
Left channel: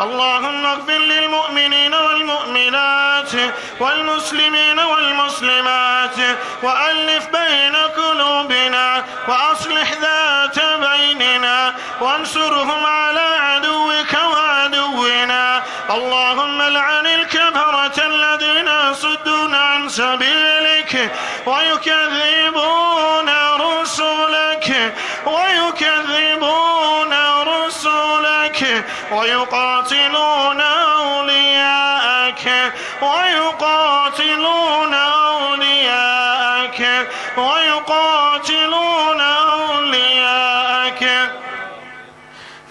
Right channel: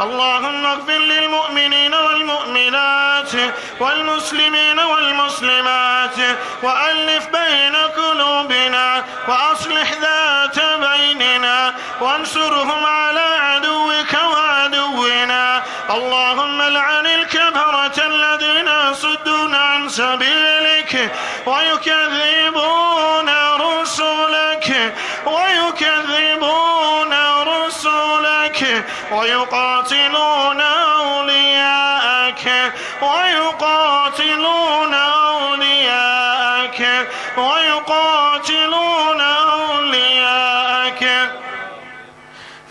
اللهم اغفر للمؤمنين والمؤمنات والمسلمين والمسلمات وألف بين قلوبنا وأصلح ذات بيننا وانصرهم على عدوك وعدونا اللهم لعن الكفرة الذين يصدون عن سبيلك ويكذبون رسلك ويقاتلون أولياءك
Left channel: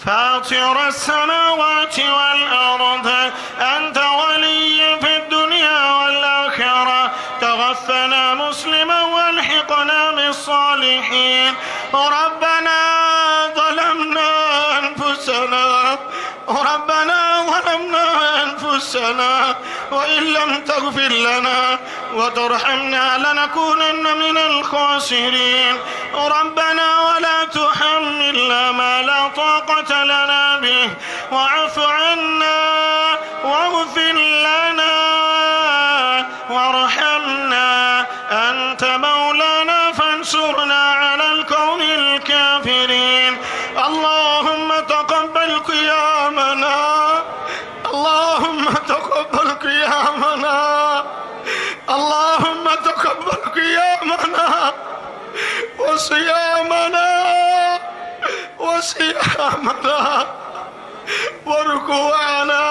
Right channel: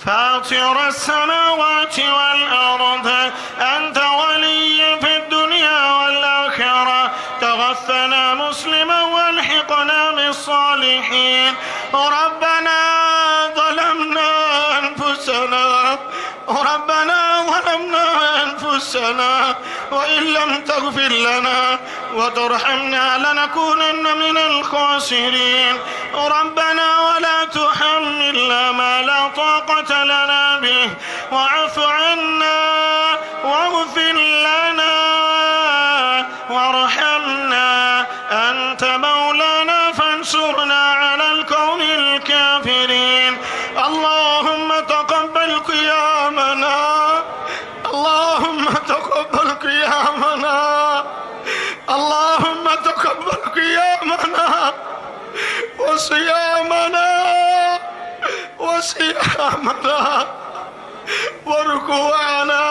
فاطر السماوات والأرض أنت ولي في الدنيا والآخرة توفنا مسلما والحقنا بالصالحين ربنا ظلمنا أنفسنا ربنا ظلمنا أنفسنا وإن لم تغفر لنا وترحمنا لنكونن من الخاسرين. ربنا ولا تحملنا ما لا طاقة لنا به واعف عنا واغفر لنا وارحمنا أنت مولانا فانصرنا على القوم الكافرين. اللهم تقبل قيامنا، اللهم تقبل قيامنا، اللهم تقبل قيامنا وصيامنا وركوعنا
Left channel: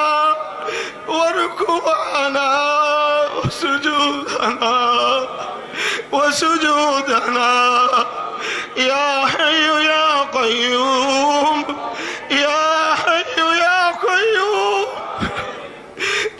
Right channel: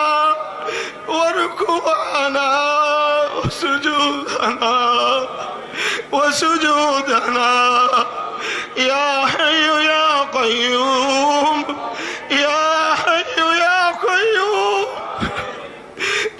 وسجودنا يا حي يا قيوم، يا حي يا قيوم،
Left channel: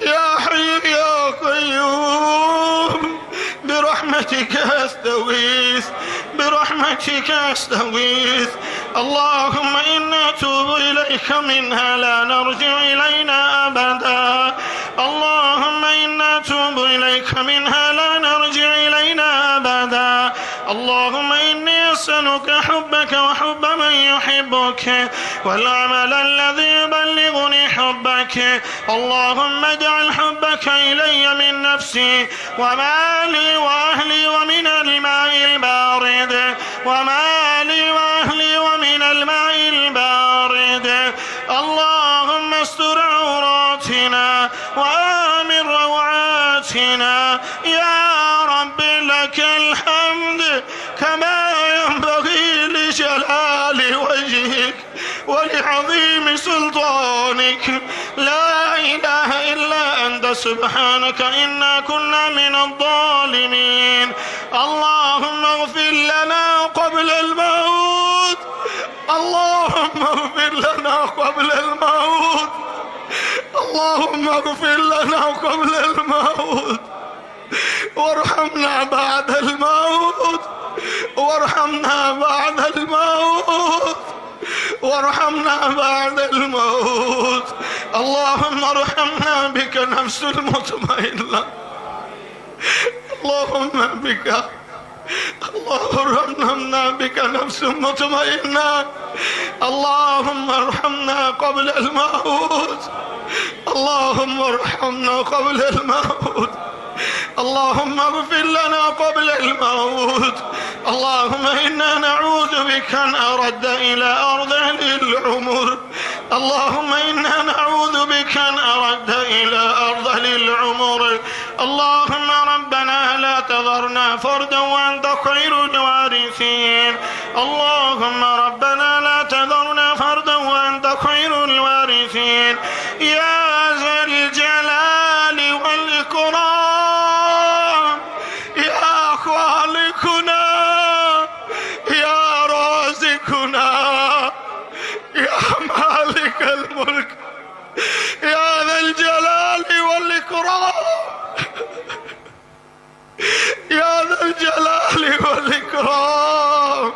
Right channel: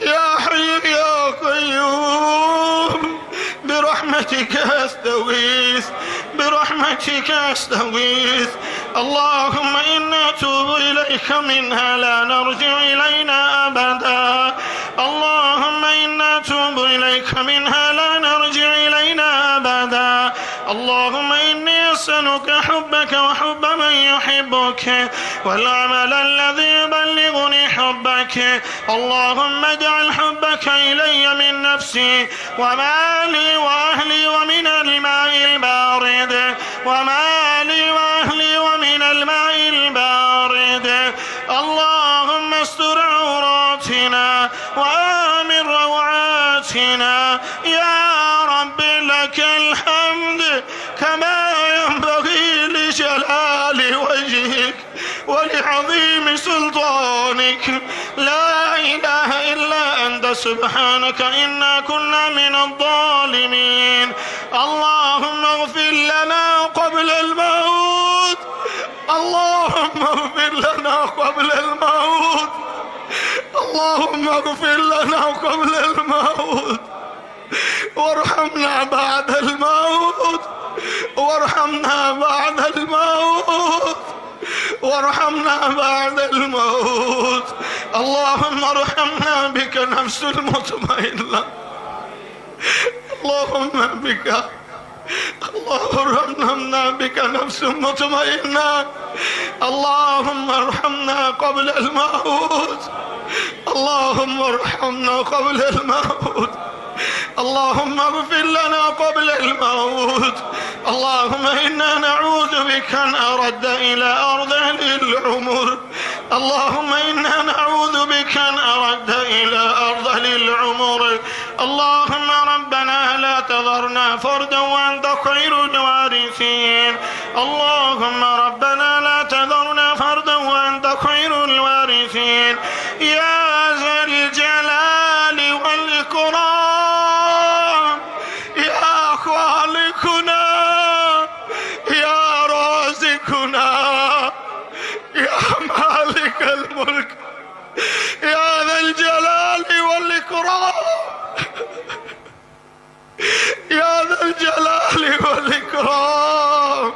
يا حي يا قيوم، برحمتك أستغيث، برحمتك أستغيث. اللهم إنا نتوب إليك منها لا نرجع إلينا أبدا. اللهم إنا نتوب إليك منها لا نرجع إلينا أبدا. اللهم إني أسألك حبك وحب من يحبك والعمل الذي يبلغني حبك. اللهم اجعل حبك إلي من نفسي ومالي وأهلي ومن الماء البارد، ومالي وأهلي ومن الماء البارد. اللهم استر عوراتنا وآمن روعاتنا يا رب، لك الحمد كما ينبغي لجلال وجهك ولعظيم سلطانك. لا إله إلا أنت سبحانك إنا كنا من الظالمين. اللهم اغفر لنا قبل الموت، اللهم اغفر لنا قبل الموت، اللهم اغفر لنا قبل الموت، وارحمنا بعد الموت، وارحمنا بعد الموت، وارحمنا بعد الموت. اللهم ارحمنا بك نفس المطمئنة، اللهم بك، اللهم ارحمنا بك نفس مطمئنة. اللهم ارحمنا قبل الموت، اللهم ارحمنا قبل الموت، اللهم اغفر لنا قبل الموت. اللهم إنا نعوذ بك أن أرد إلى أرذل العمر، اللهم إنا نعوذ بك أن أرد إلى أرذل العمر. اللهم ربنا لا تذرنا فردا وأنت خير الوارثين. اللهم ربنا لا تذرنا فردا وأنت خير الوارثين. يا ذا الجلال والإكرام، يا خالقنا، يا رازقنا، يا مالك الملك، يا ذا الجلال والإكرام، يا ذا الجلال والإكرام.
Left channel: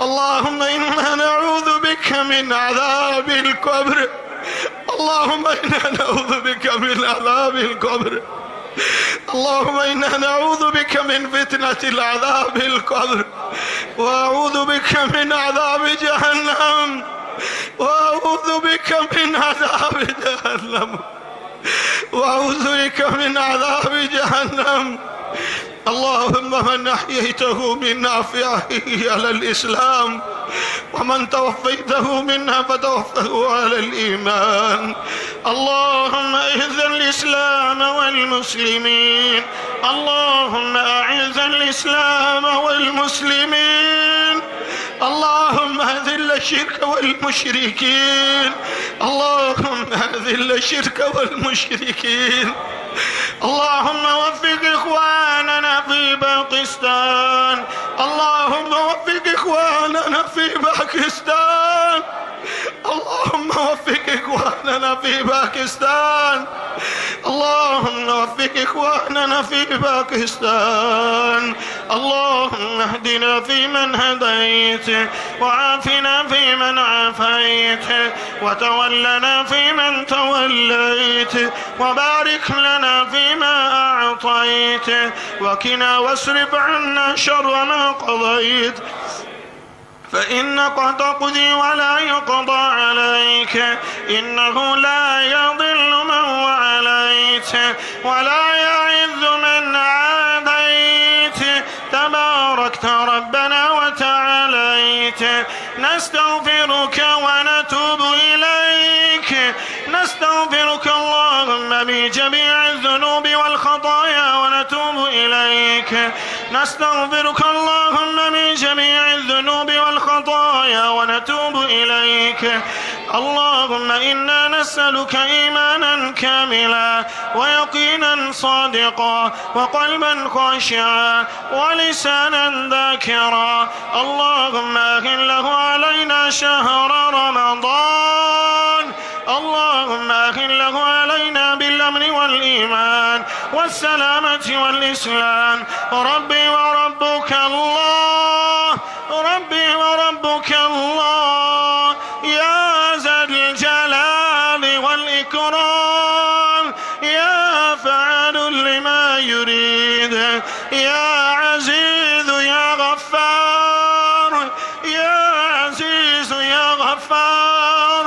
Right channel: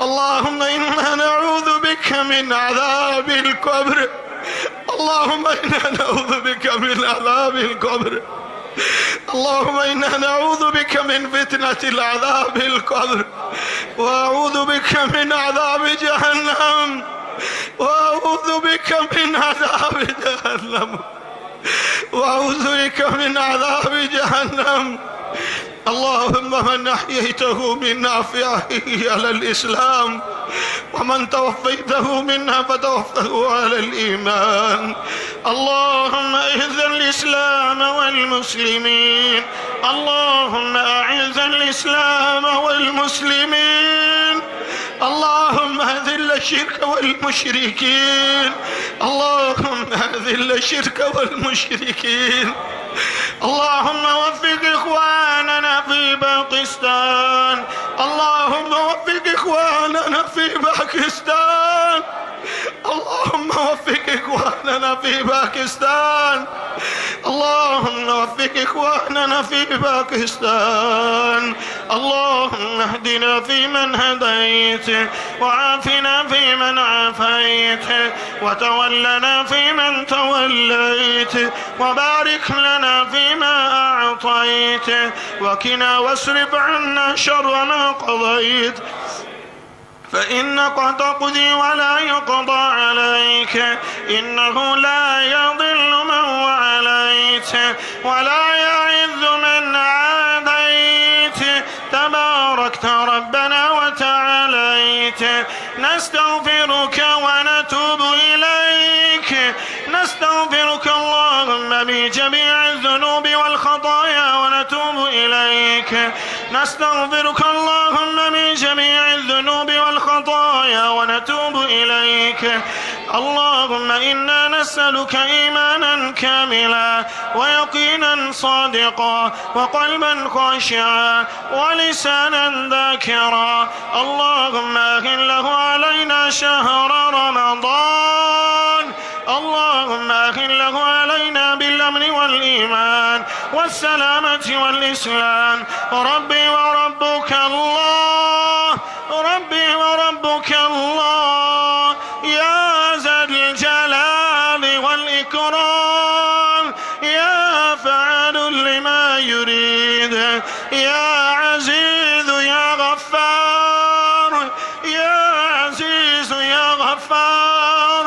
اللهم إنا نعوذ بك من عذاب القبر، اللهم إنا نعوذ بك من عذاب القبر. اللهم إنا نعوذ بك من فتنة العذاب القبر، وأعوذ بك من عذاب جهنم، وأعوذ بك من عذاب جهنم، وأعوذ بك من عذاب جهنم. اللهم من أحييته منا فأحيه على الإسلام، ومن توفيته منا فتوفه على الإيمان. اللهم أعز الإسلام والمسلمين، اللهم أعز الإسلام والمسلمين. اللهم أذل الشرك والمشركين، اللهم أذل الشرك والمشركين. اللهم وفق إخواننا في باكستان، اللهم وفق إخواننا في باكستان، اللهم وفق إخواننا في باكستان، اللهم وفق إخواننا في باكستان. اللهم اهدنا فيمن هديت، وعافنا فيمن عافيت، وتولنا فيمن توليت، وبارك لنا فيما أعطيت، وقنا واصرف عنا شر ما قضيت، فإنك تقضي ولا يقضى عليك، إنه لا يضل من وعليت ولا يعز من عاديت، تباركت ربنا وتعاليت. نستغفرك ونتوب إليك، نستغفرك اللهم بجميع الذنوب والخطايا ونتوب إليك، نستغفرك اللهم من جميع الذنوب والخطايا ونتوب إليك. اللهم إنا نسألك إيمانا كاملا، ويقينا صادقا، وقلبا خاشعا، ولسانا ذاكرا. اللهم أهل له علينا شهر رمضان، اللهم أهل له علينا بالأمن والإيمان والسلامة والإسلام. ربي وربك الله، ربي وربك الله، يا ذا الجلال والإكرام، يا فعال لما يريد، يا عزيز يا غفار، يا عزيز يا غفار.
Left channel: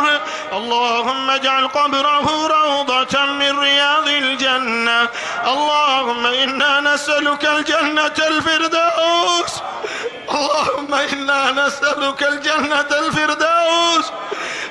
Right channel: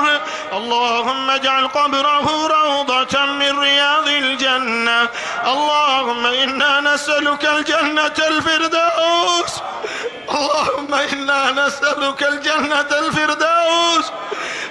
اللهم اجعل قبره روضة من رياض الجنة. اللهم إنا نسألك الجنة الفردوس، اللهم إنا نسألك الجنة الفردوس،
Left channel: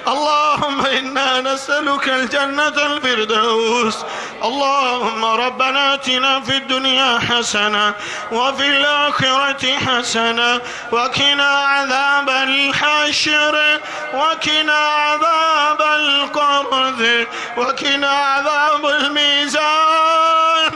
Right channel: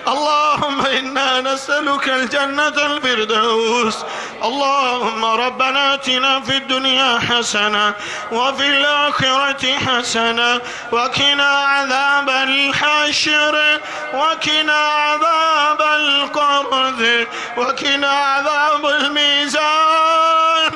اللهم إنا نسألك الجنة الفردوس. اللهم ربنا آتنا في الدنيا حسنة وفي الآخرة حسنة، وقنا عذاب الحشر، وقنا عذاب القرذ، وقنا عذاب الميزان،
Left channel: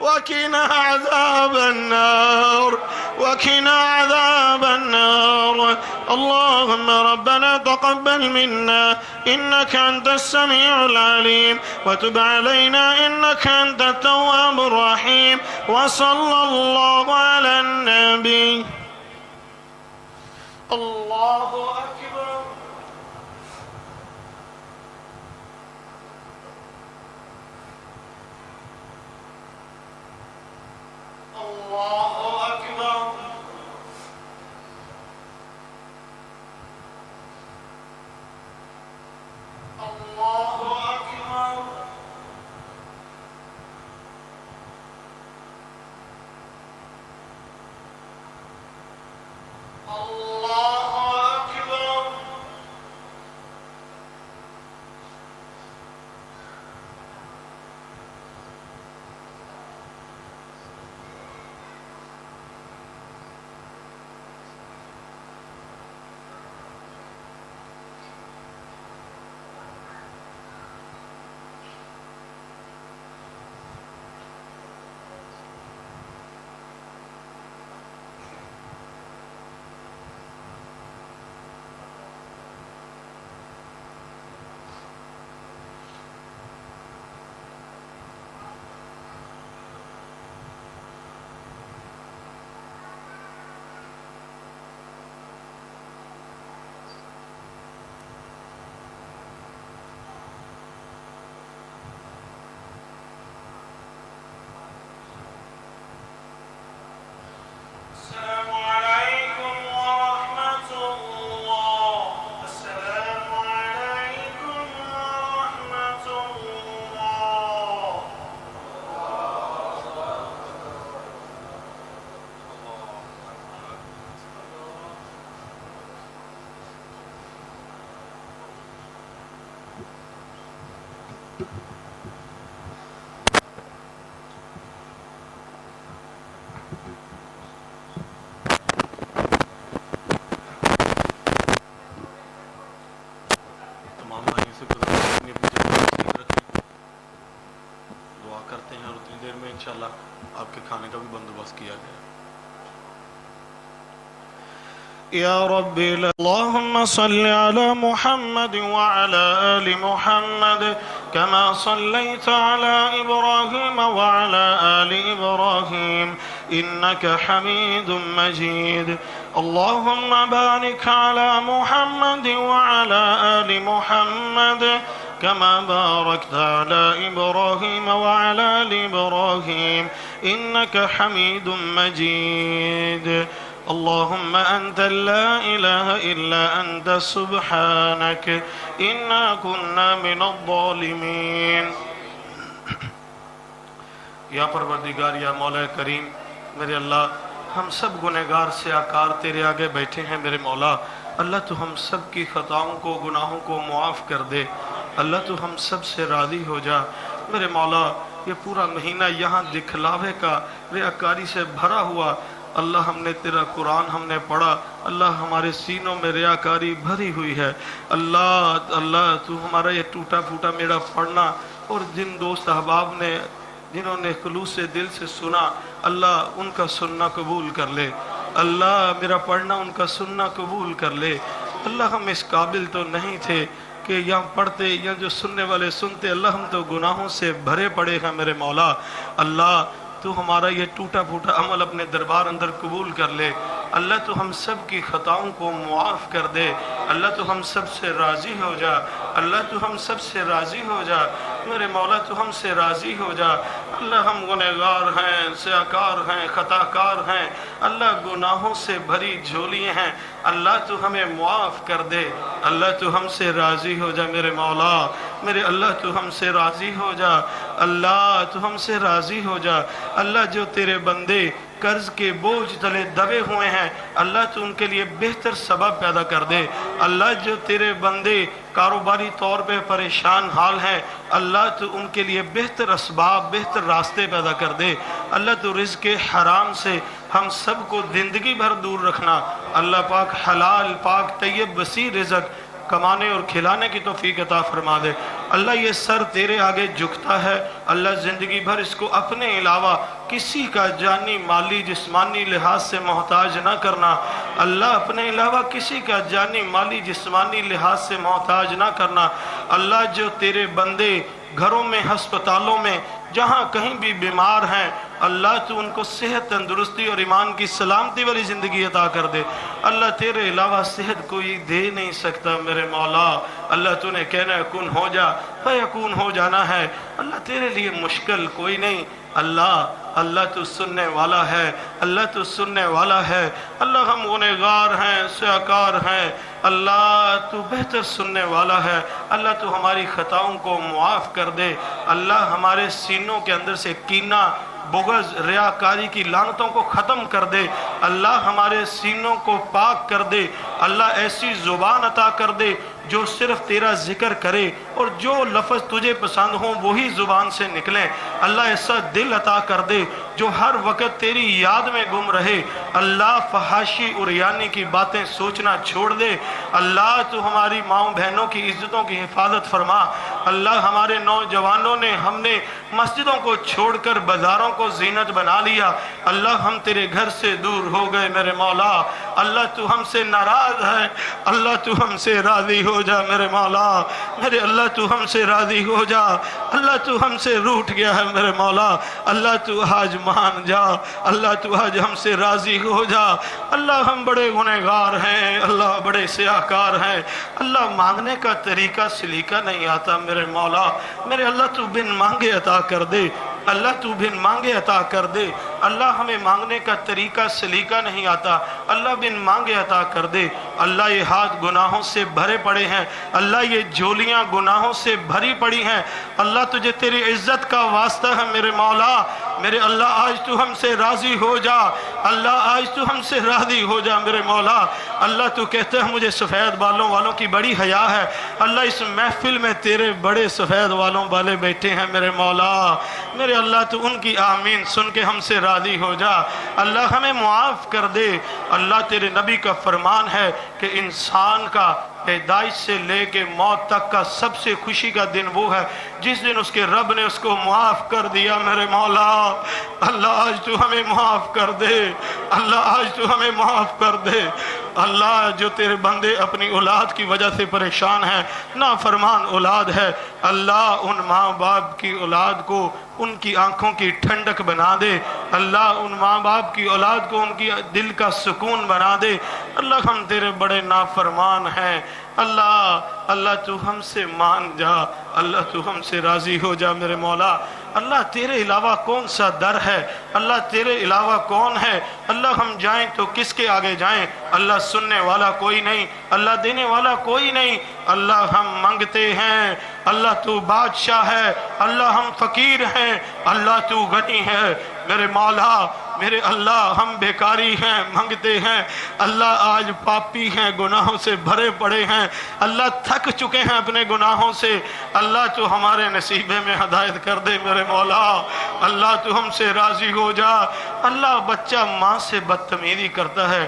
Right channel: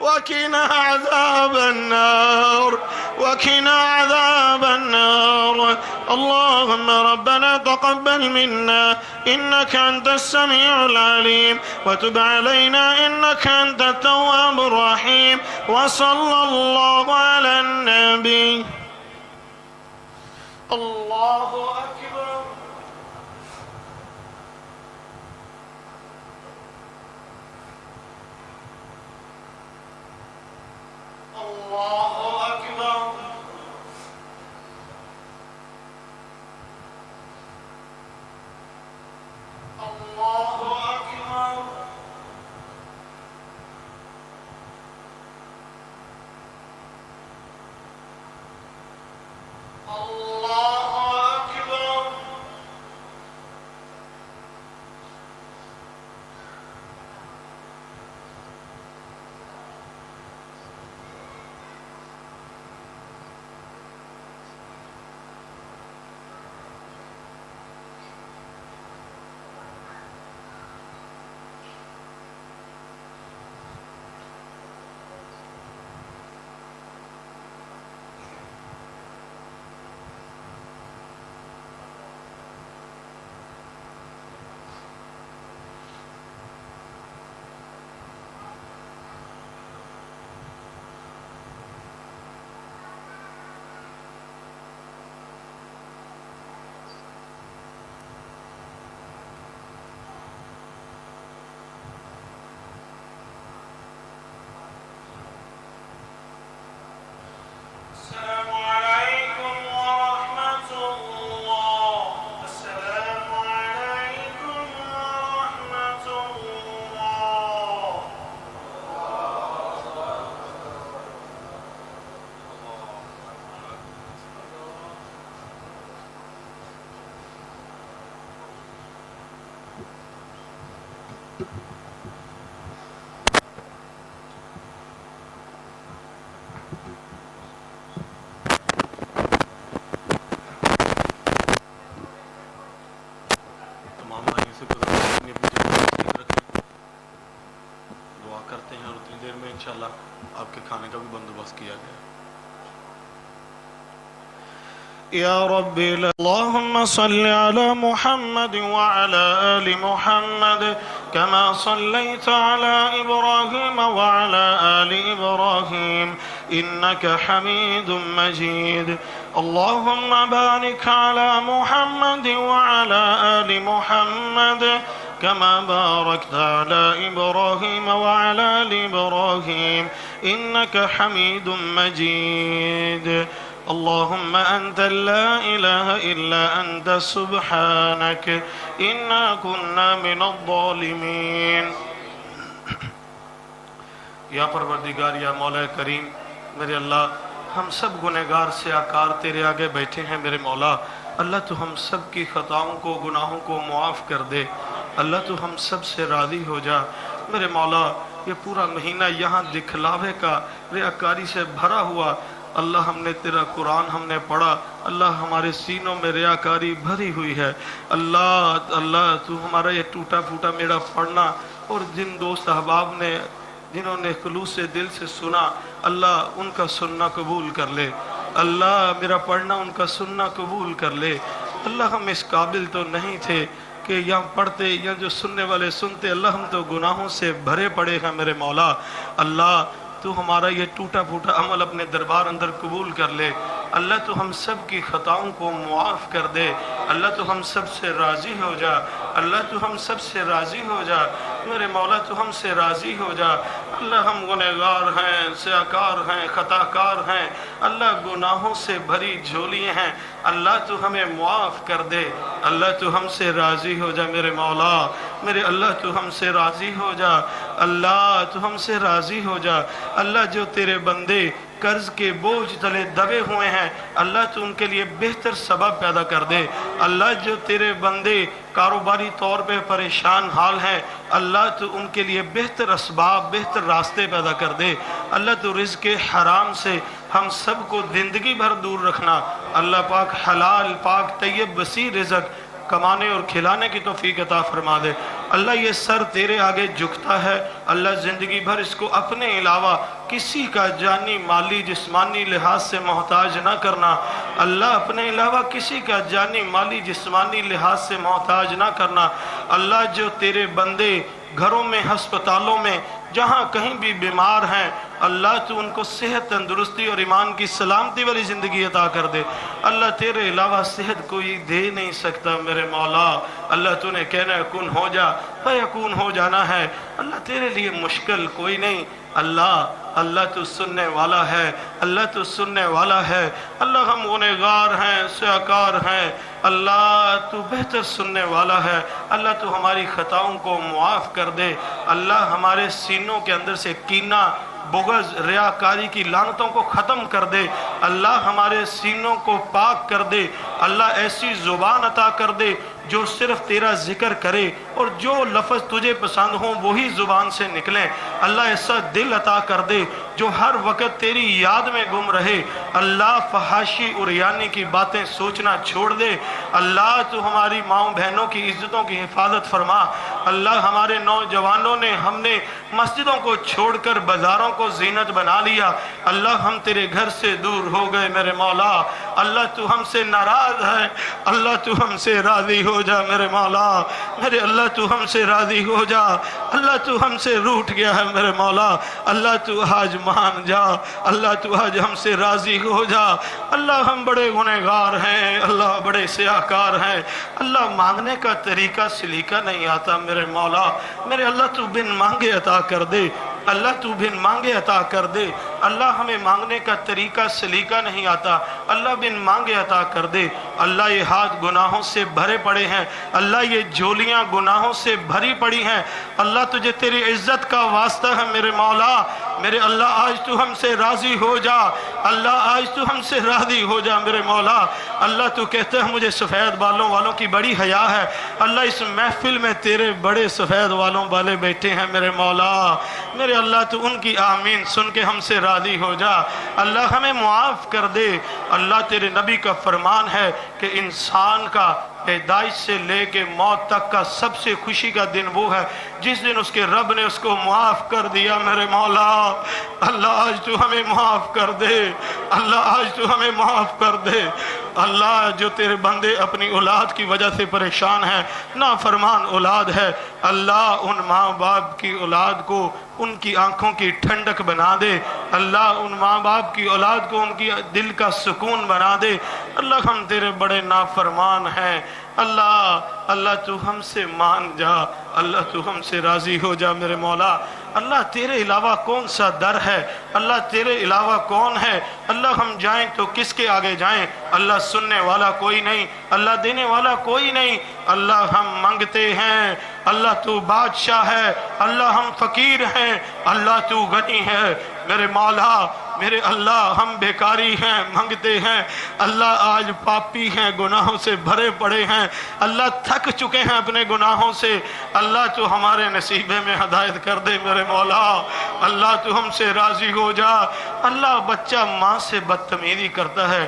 وقنا عذاب النار، وقنا عذاب النار. اللهم ربنا تقبل منا إنك أنت السميع العليم، وتب علينا إنك أنت التواب الرحيم. وصلى الله على النبي. الله أكبر. الله أكبر. الله أكبر. الله أكبر. السلام عليكم ورحمة الله. السلام عليكم ورحمة الله. तमाम भाइयों से गुजारिश है कि अपनी जगह पर ठीक रखें। दुआ करते हैं और उतनी देर में इंशाल्लाह आपके खाने का भी बंदोबस्त किया गया। يا رب اللهم صل على محمد وعلى آل محمد كما صليت على إبراهيم وعلى آل إبراهيم إنك حميد مجيد. اللهم بارك على محمد وعلى آل محمد كما باركت على إبراهيم وعلى آل إبراهيم إنك حميد مجيد. اللهم أنت لا إله إلا أنت سبحانك إنا كنا من الظالمين. یا پروردگار یا مولا کریم میرے اللہ، ہم سب گنہگار سے آکار تیرے آگے بیٹھے ہیں میرے مولا. اللہ تو ہم سب کی خطاؤں کو گناہوں کو معاف کر دے. اللہ تو ہم سب سے راضی ہو جا میرے مولا. یہ پورا مہینہ یہاں دکھلاوے کا ریاکاری سے بھرا ہوا. اللہ ہم نے تیرا قرآن ہم نے پڑھا. اللہ ہمارے سینوں میں ریاکاری بھری ہوئی ہے. اللہ تو ہمارا یہ ٹوٹا پھوٹا میرا پڑھنا اور جن دوست احباب نے جنہوں نے خلوص دل سے سنا، اللہ ان کا سننا قبول کر لے. اللہ میرا پڑھنا ان کا سننا قبول کر لے. اللہ ہم اس قابل تو نہیں تھے کہ یہاں پڑھتے یا جو سننے والے سنتے. اللہ ہم تو گناہوں سے بھرے پڑے ہیں میرے مولا. اللہ تو ہمارا یہ ٹوٹا پھوٹا عمل اپنے دربار اندر قبول کر لے. اللہ تو ہم سب کی خطاؤں کو معاف کر دے. اللہ تو ہم سب سے راضی ہو جا. اللہ تو ہم سب سے راضی ہو جا میرے مولا. تو ہم سے راضی ہو جا. اللہ ہم گنہگار ہیں، سیاکار ہیں، خطا کار ہیں. اللہ گناہوں سے بھری جھولیے ہیں. اللہ تو ہمیں معاف کر دے. اللہ تو ہم سے راضی ہو جا میرے مولا. میرے اللہ تو ہم سے راضی ہو جا. اللہ تو ہم سے راضی ہو جا. اللہ جو تیرے بندے قرض کے بوجھ تلے دبے ہوئے ہیں، اللہ تو ان کے لیے بہتر سبب پیدا کر دے. اللہ جو تیرے بندے کاروباری طور پہ پریشان حال ہیں، اللہ تو ان کے لیے بہتر اسباب بہتر راستے پیدا کر دے. اللہ تو رزق حرام سے ہم سب کو زندگی بھر دور رکھنا. اللہ پاک حلال پاک طیب وسیع رزق کمانے اور کھلانے کی توفیق عطا فرما دے. اللہ یہ سر تیرے آگے جھکتا ہے. اللہ زندگی بھر اس کو اپنے علاوہ کسی کا جانی مالی جسمانی لحاظ سے محتاج نہ کرنا. اللہ اپنے علاوہ کسی کا جانی مالی جسمانی لحاظ سے محتاج نہ کرنا. اللہ جو تیرے بندے گھروں میں ہسپتالوں میں جہاں کہیں بھی بیمار ہیں، اللہ تو ان کو صحت تندرستی اور ایمان کی سلامتی والی زندگی عطا کر دے. اللہ تیرے علاوہ صحت کوئی دے نہیں سکتا میرے مولا. اللہ تو نے کہنا ہے کن ہو جا فیکون ہو جانا ہے. اللہ تیرے لیے مشکل کوئی نہیں. اللہ تو سننے والا ہے. اللہ تو سننے والا ہے. اللہ ہم گنہگار ہیں، سیاکار ہیں. اللہ تو بہتر سننے والا ہے. اللہ تو ہماری خطاؤں کو معاف کر دے. اللہ ہمارے سینوں کے اندر سے کینہ بغض ریاکاری کی لعنتوں کو ختم کر دے. اللہ ہمارے سینوں کو پاک کر دے. اللہ ایسی زبان عطا کر دے جو صرف تیرا ذکر کرے اور جو لفظ تجھے پسند ہوں وہی زبان سے نکلیں. اللہ ایسا دل عطا کر دے جو ہر وقت تیری یاد میں گم رہے. اللہ فحاشی اور یعنی کی باتیں سوچنا چھوڑ دے. اللہ تو ہماری ماؤں بہنوں کی عزتوں کی حفاظت فرما. اللہ ہمارے نوجوانوں نے ہم نے مسجدوں کو چھوڑ کر بازاروں کو زینت بنا لیا. اللہ ہم تیرے گھر سے دور ہو گئے میرے مولا. اللہ تو ہم سے ناراض ہے. اللہ تو ہم سے راضی ہو جا میرے مولا. میرے اللہ تو ہم سے راضی ہو جا. اللہ تو ہم سے روٹھ گیا ہے میرے مولا. اللہ تو آج مان جا. اللہ تو آج ہم سے راضی ہو جا. اللہ ہم بڑے گنہگار ہیں. اللہ بڑے سیاکار ہیں. اللہ مانگنے کا طریقہ سلیقہ نہیں آتا میرے مولا. میرے اللہ تو بن مانگے عطا کر دے. اللہ تو بن مانگے عطا کر دے. اللہ ہمیں مانگنے کا طریقہ سلیقہ نہیں آتا. اللہ بن مانگے عطا کر دے. اللہ یہ ہاتھ گناہوں سے بھرے پڑے ہیں. اللہ یہ جھولیاں گناہوں سے بھری پڑی ہیں. اللہ تجھے تیری عزت کا واسطہ ہے میرے مولا. میرے اللہ آج تو ہم سے راضی ہو جا. اللہ آج تو ہم سے راضی ہو جا میرے مولا. اللہ تو کہتے ہیں مجھے سفید بالوں والوں کی بڑی حیا ہے. اللہ اس محفل میں تیرے بڑے سفید بالوں والے بیٹھے ہیں میرے مولا. میرے اللہ تو ان کی آمین سن کے ہم سے راضی ہو جا. اللہ ہمیں معاف کر دے. اللہ تیرے نبی کا فرمان ہے کہ انسان کا پیدائش سے لے کے موت تک کا سب سے خوشی کا دن وہ ہے जिस दिन उसके रब ने उसको माफ कर दिया मेरे मौला, अल्लाह आज तू हमें माफ कर दे, अल्लाह आज तू हमें माफ कर दे। अल्लाह जो तेरे बंदे अपनी औलाद की वजह से परेशान हैं, नाफरमान औलाद है, अल्लाह उन माँ बाप की औलाद को उनकी आंखों की ठंडक बना दे, अल्लाह उन माँ बाप की औलाद को उनकी दिल का सुकून बना दे। अल्लाह हम तेरे बड़े नाफरमान हैं, अल्लाह अल्लाह तू हमसे मान जा, अल्लाह तू हमसे राजी हो जा मेरे मौला। अल्लाह तेरे अलावा कौन सा दर है, अल्लाह तेरे अलावा कौन है, अल्लाह हम जाएं तो किसके आगे जाएं, अल्लाह सुनने वाला कोई नहीं, अल्लाह देने वाला कोई नहीं, अल्लाह हम मांगते हैं, अल्लाह तू बादशाह है, अल्लाह हम फकीर हैं, अल्लाह तू गनी है मेरे मौला। मेरे अल्लाह हम बेकारी हैं, मांगते हैं, अल्लाह आज पापी हैं, गुनाहों से भरे पड़े हैं, अल्लाह थक चुके हैं अपने गुनाहों से, अल्लाह तू हमारे नसीबे में हदायत कर दे मेरे मौला, अल्लाह तू हमसे राजी हो जा। अल्लाह बच्चा माँ से बदतमीजी करता है,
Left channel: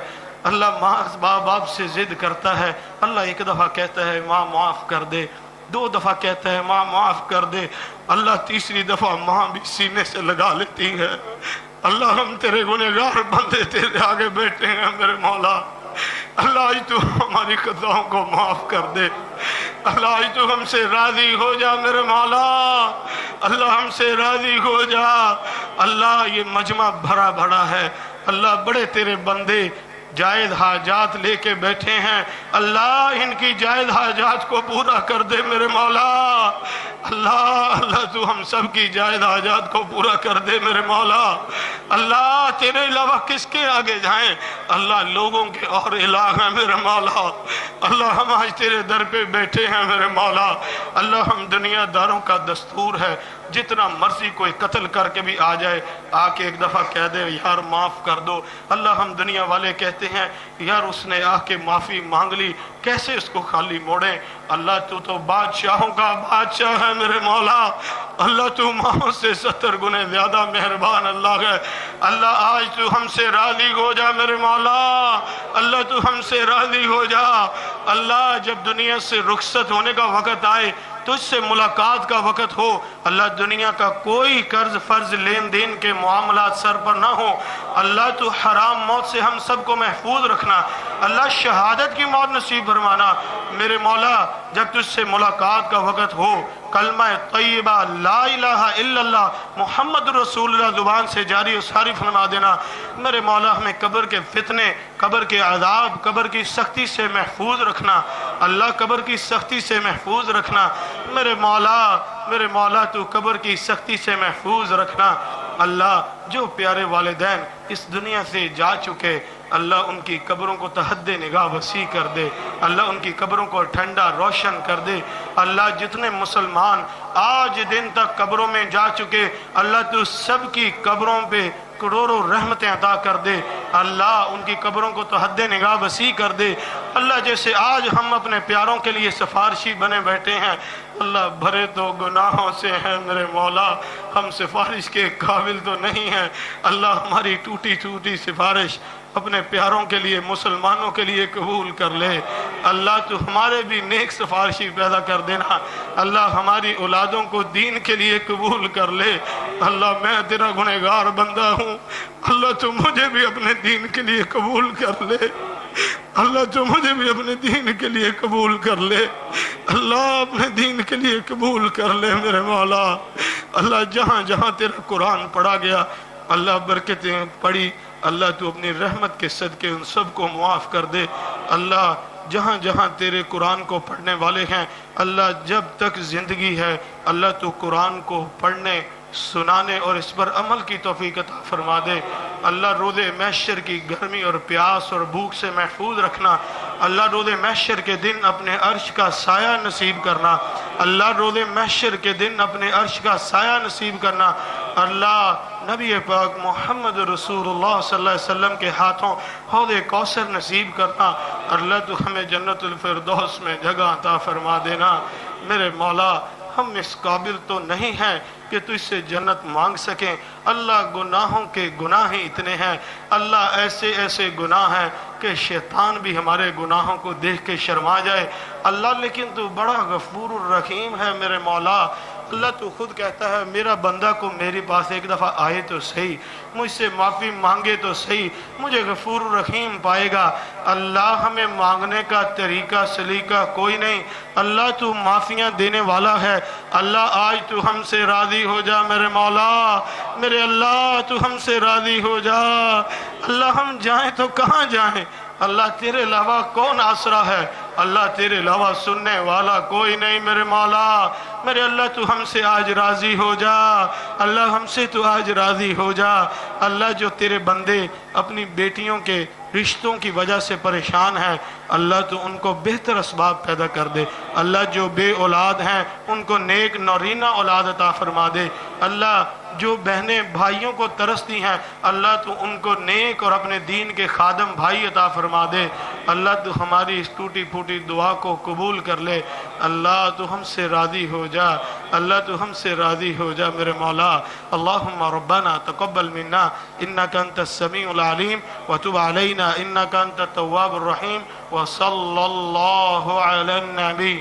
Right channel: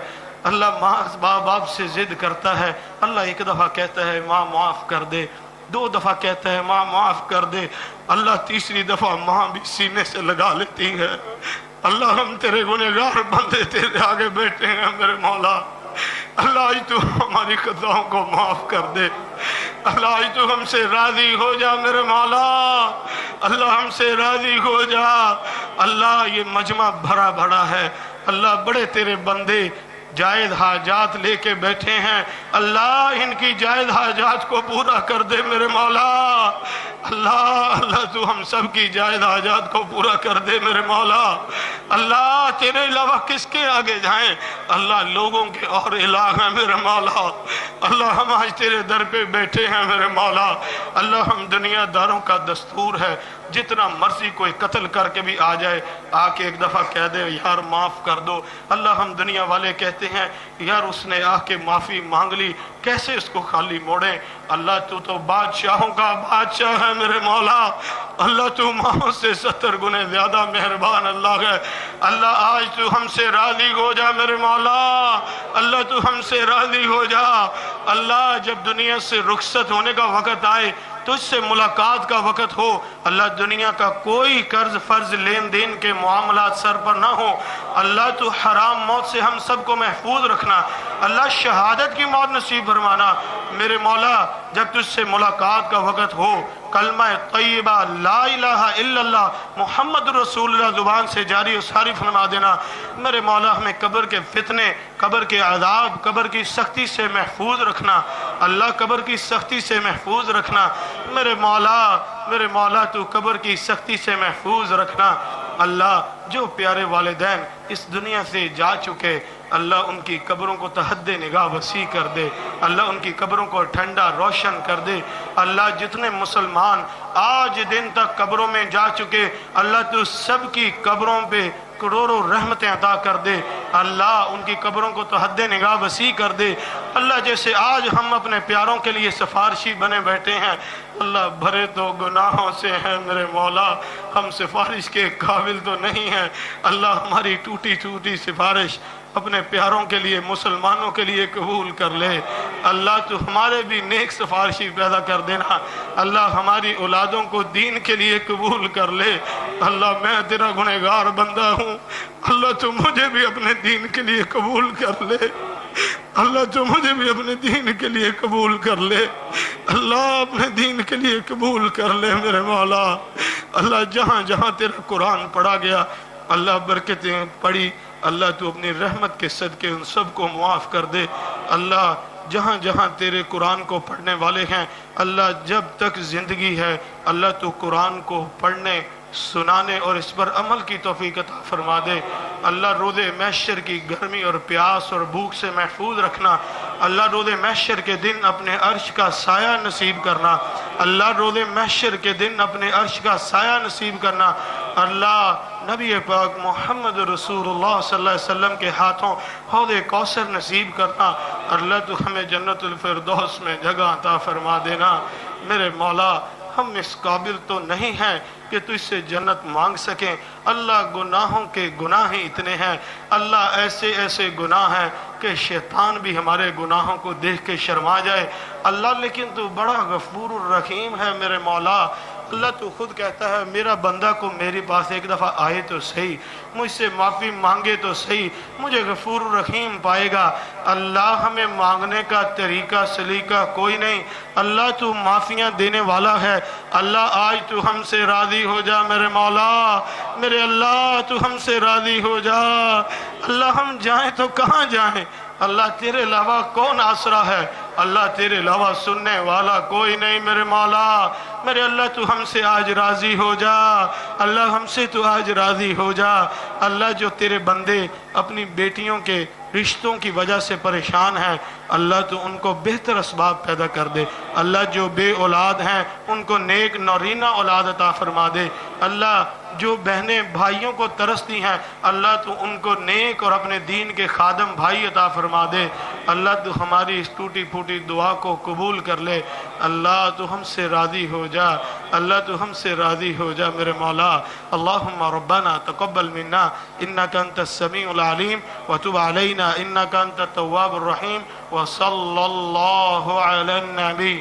अल्लाह माँ बाप से जिद करता है, अल्लाह एक दफ़ा कहता है माँ माफ़ कर दे, दो दफ़ा कहता है माँ माफ़ कर दे, अल्लाह तीसरी दफ़ा माँ भी सीने से लगा लेती है। अल्लाह हम तेरे गुनहगार बंदे तेरे आगे बैठे हैं मेरे मौला, अल्लाह आज तू हमारी खताओं को माफ़ कर दे, अल्लाह आज तू हमसे राज़ी हो जा मेरे मौला, अल्लाह हमसे राज़ी हो जा। अल्लाह ये मजमा भरा भरा है, अल्लाह बड़े तेरे बंदे जायद हाजात लेके बैठे हैं, अल्लाह इनकी जायद हाजात को पूरा कर दे मेरे मौला, अल्लाह अल्लाह तू हम सब की जायद हाजात को पूरा कर दे मेरे मौला। अल्लाह तेरे अलावा किसके आगे जाएं, अल्लाह लोगों के और इलाह है मेरे मौला, अल्लाह हम आज तेरे दर पे बैठे हैं मेरे मौला। अल्लाह हम दुनियादारों का दस्तूर है, जितना मर्जी कोई कत्ल करके भी आ जाए, आके एक दफ़ा कह दे यार माफ़ कर दो। अल्लाह हम दुनिया वाले कहते हैं यार उसने आके माफ़ी मांग ली, कैसे उसको खाली मोड़े। अल्लाह तू तो बादशाहों का बादशाह है मेरे मौला, अल्लाह तू माओ से 70 गुने ज्यादा मेहरबान अल्लाह है। अल्लाह आज तू हमसे राजी हो जा मेरे मौला, अल्लाह तू हमसे राजी हो जा। अल्लाह जब दुनिया से रुखसत होने का वक़्त आए, तुझसे मुलाकात का वक़्त हो, अल्लाह दुनिया का कोई कर्ज फर्ज लेन देन के मामलात सर पर ना हो, अल्लाह तू हराम मौत से हम सबको महफूज रखना, अल्लाह शहादत की मौत नसीब फरमाना मेरे मौला। जब तुझसे मुलाकात का वक़्त हो, कलमा तय्यबा ला इलाहा इल्लल्लाह मुहम्मद रसूलुल्लाह जुबान से जारी और सारी फरमा देना मेरे मौला। हमें कब्र के फितने, कब्र के अज़ाब, कब्र की सख्ती से महफूज रखना अल्लाह, कब्र की सख्ती से महफूज रखना मेरे मौला। मेरे मौला तू कब्र की सख्ती से महफूज रखना अल्लाह। जो प्यारे वालिदैन इस दुनिया से जा चुके, अल्लाह उनकी कब्रों को तहद्दे निगाह वसी कर दे, अल्लाह उनकी कब्रों को ठंडा रोशन कर दे। अल्लाह जितने मुसलमान आज दिन तक कब्रों में जा चुके, अल्लाह तू सब की कब्रों पे करोड़ों रहमतें अता कर दे, अल्लाह उनकी कब्रों को तहद्दे निगाह वसी कर दे। अल्लाह जैसे आज हम अपने प्यारों के लिए सिफारिशी बने बैठे हैं, अल्लाह भरे तो गुनाहों से है मेरे मौला, हम सिफारिश के काबिल तो नहीं हैं। अल्लाह हमारी टूटी टूटी सिफारिश अपने प्यारों के लिए, मुसलमानों के लिए कबूल कर ले। अल्लाह तू हमारे भी नेक सिफारिशी पैदा कर देना, अल्लाह हमारी औलादों को दीन के लिए कबूल कर ले। अल्लाह मैं तेरा गुनहगार बंदा हूँ, अल्लाह तू मुझे भी अपने दीन के लिए कबूल कर ले, अल्लाह तू मुझे भी अपने दीन के लिए कबूल कर ले, अल्लाह अपने दीन के लिए कबूल कर ले मेरे मौला। अल्लाह जहाँ जहाँ तेरा कुरान पढ़ा गया, अल्लाह बरकतें पढ़ी, अल्लाह तू अपनी रहमत के सदके उन सब को मुआफ़ कर दे। अल्लाह जहाँ जहाँ तेरे कुरान को पढ़ने वाले हैं, अल्लाह जब तक ज़िंदगी है, अल्लाह तू कुरान को पढ़ने, सुनाने और इस पर अमल की तौफीक अता फरमा दे। अल्लाह रोज़े महशर की गर्मी और प्यास और भूख से महफूज रखना। अल्लाह रोज़े महशर के दिन अपने अर्श का साया नसीब करना। अल्लाह रोज़े महशर के दिन अपने अर्श का साया नसीब करना। अल्लाह नबी पाक मोहम्मद रसूलुल्लाह सल्लल्लाहु अलैहि वसल्लम के हाथों हौदे कौसर नसीब करना। अल्लाह तो हमें जन्नतुल फिरदौस में जगह अता फरमा देना मेरे मौला। हम इस काबिल तो नहीं हैं कि तुझसे जन्नत मांग सकें, अल्लाह गुनाहों के गुनाह ही इतने हैं, अल्लाह ऐसे ऐसे गुनाह हैं कि शैतान भी हमारे गुनाहों को देख के शर्मा जाए। अल्लाह लेकिन तू बड़ा गफूर रहीम है मेरे मौला। अल्लाह तू खुद कहता है मेरा बंदा को मेरे पास एक दफ़ा आए तो सही, मुझसे माफ़ी मांगे तो सही, मुझे गफूर रहीम पाएगा। अल्लाह हमें मांगने का तरीका सलीका कोई नहीं, अल्लाह तू माफ़ियाँ देने वाला है। अल्लाह आज तू हमसे राज़ी हो जा मेरे मौला, मेरे अल्लाह तू हमसे राज़ी हो जा। अल्लाह हम जाएं तो कहाँ जाएं, अल्लाह तेरे अलावा कौन आसरा है, अल्लाह तेरे अलावा सुनने वाला कोई नहीं मेरे मौला। मेरे अल्लाह तू हमसे आज राज़ी हो जा, अल्लाह हमसे तू आज राज़ी हो जा। अल्लाह जो तेरे बंदे अपनी बेटियों के रिश्तों की वजह से परेशान हैं, अल्लाह तू उनको बेहतर असबाब पैदा कर दे। अल्लाह जो बे औलाद हैं उनको नेक नौरीना औलाद अता फरमा दे। अल्लाह जो बहनें भाइयों को तरसती हैं, अल्लाह तू उनको नेक और अपने दीन के खादम भाई अता फरमा दे। अल्लाह तू हमारी इस टूटी फूटी दुआ को कबूल कर ले। अल्लाह तू हमसे राज़ी हो जा, अल्लाह तू हमसे राज़ी हो जा मेरे मौला। अल्लाहुम्मा रब्बना तक़ब्बल मिन्ना इन्नका अंतस समीउल अलीम व तुब अलैना इन्नका अंतत तव्वाबुर रहीम व सल्लल्लाहु अला नबी।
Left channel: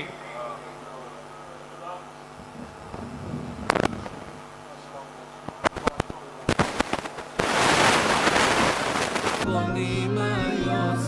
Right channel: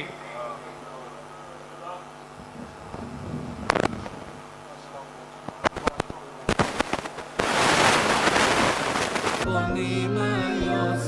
أعطني ما يسر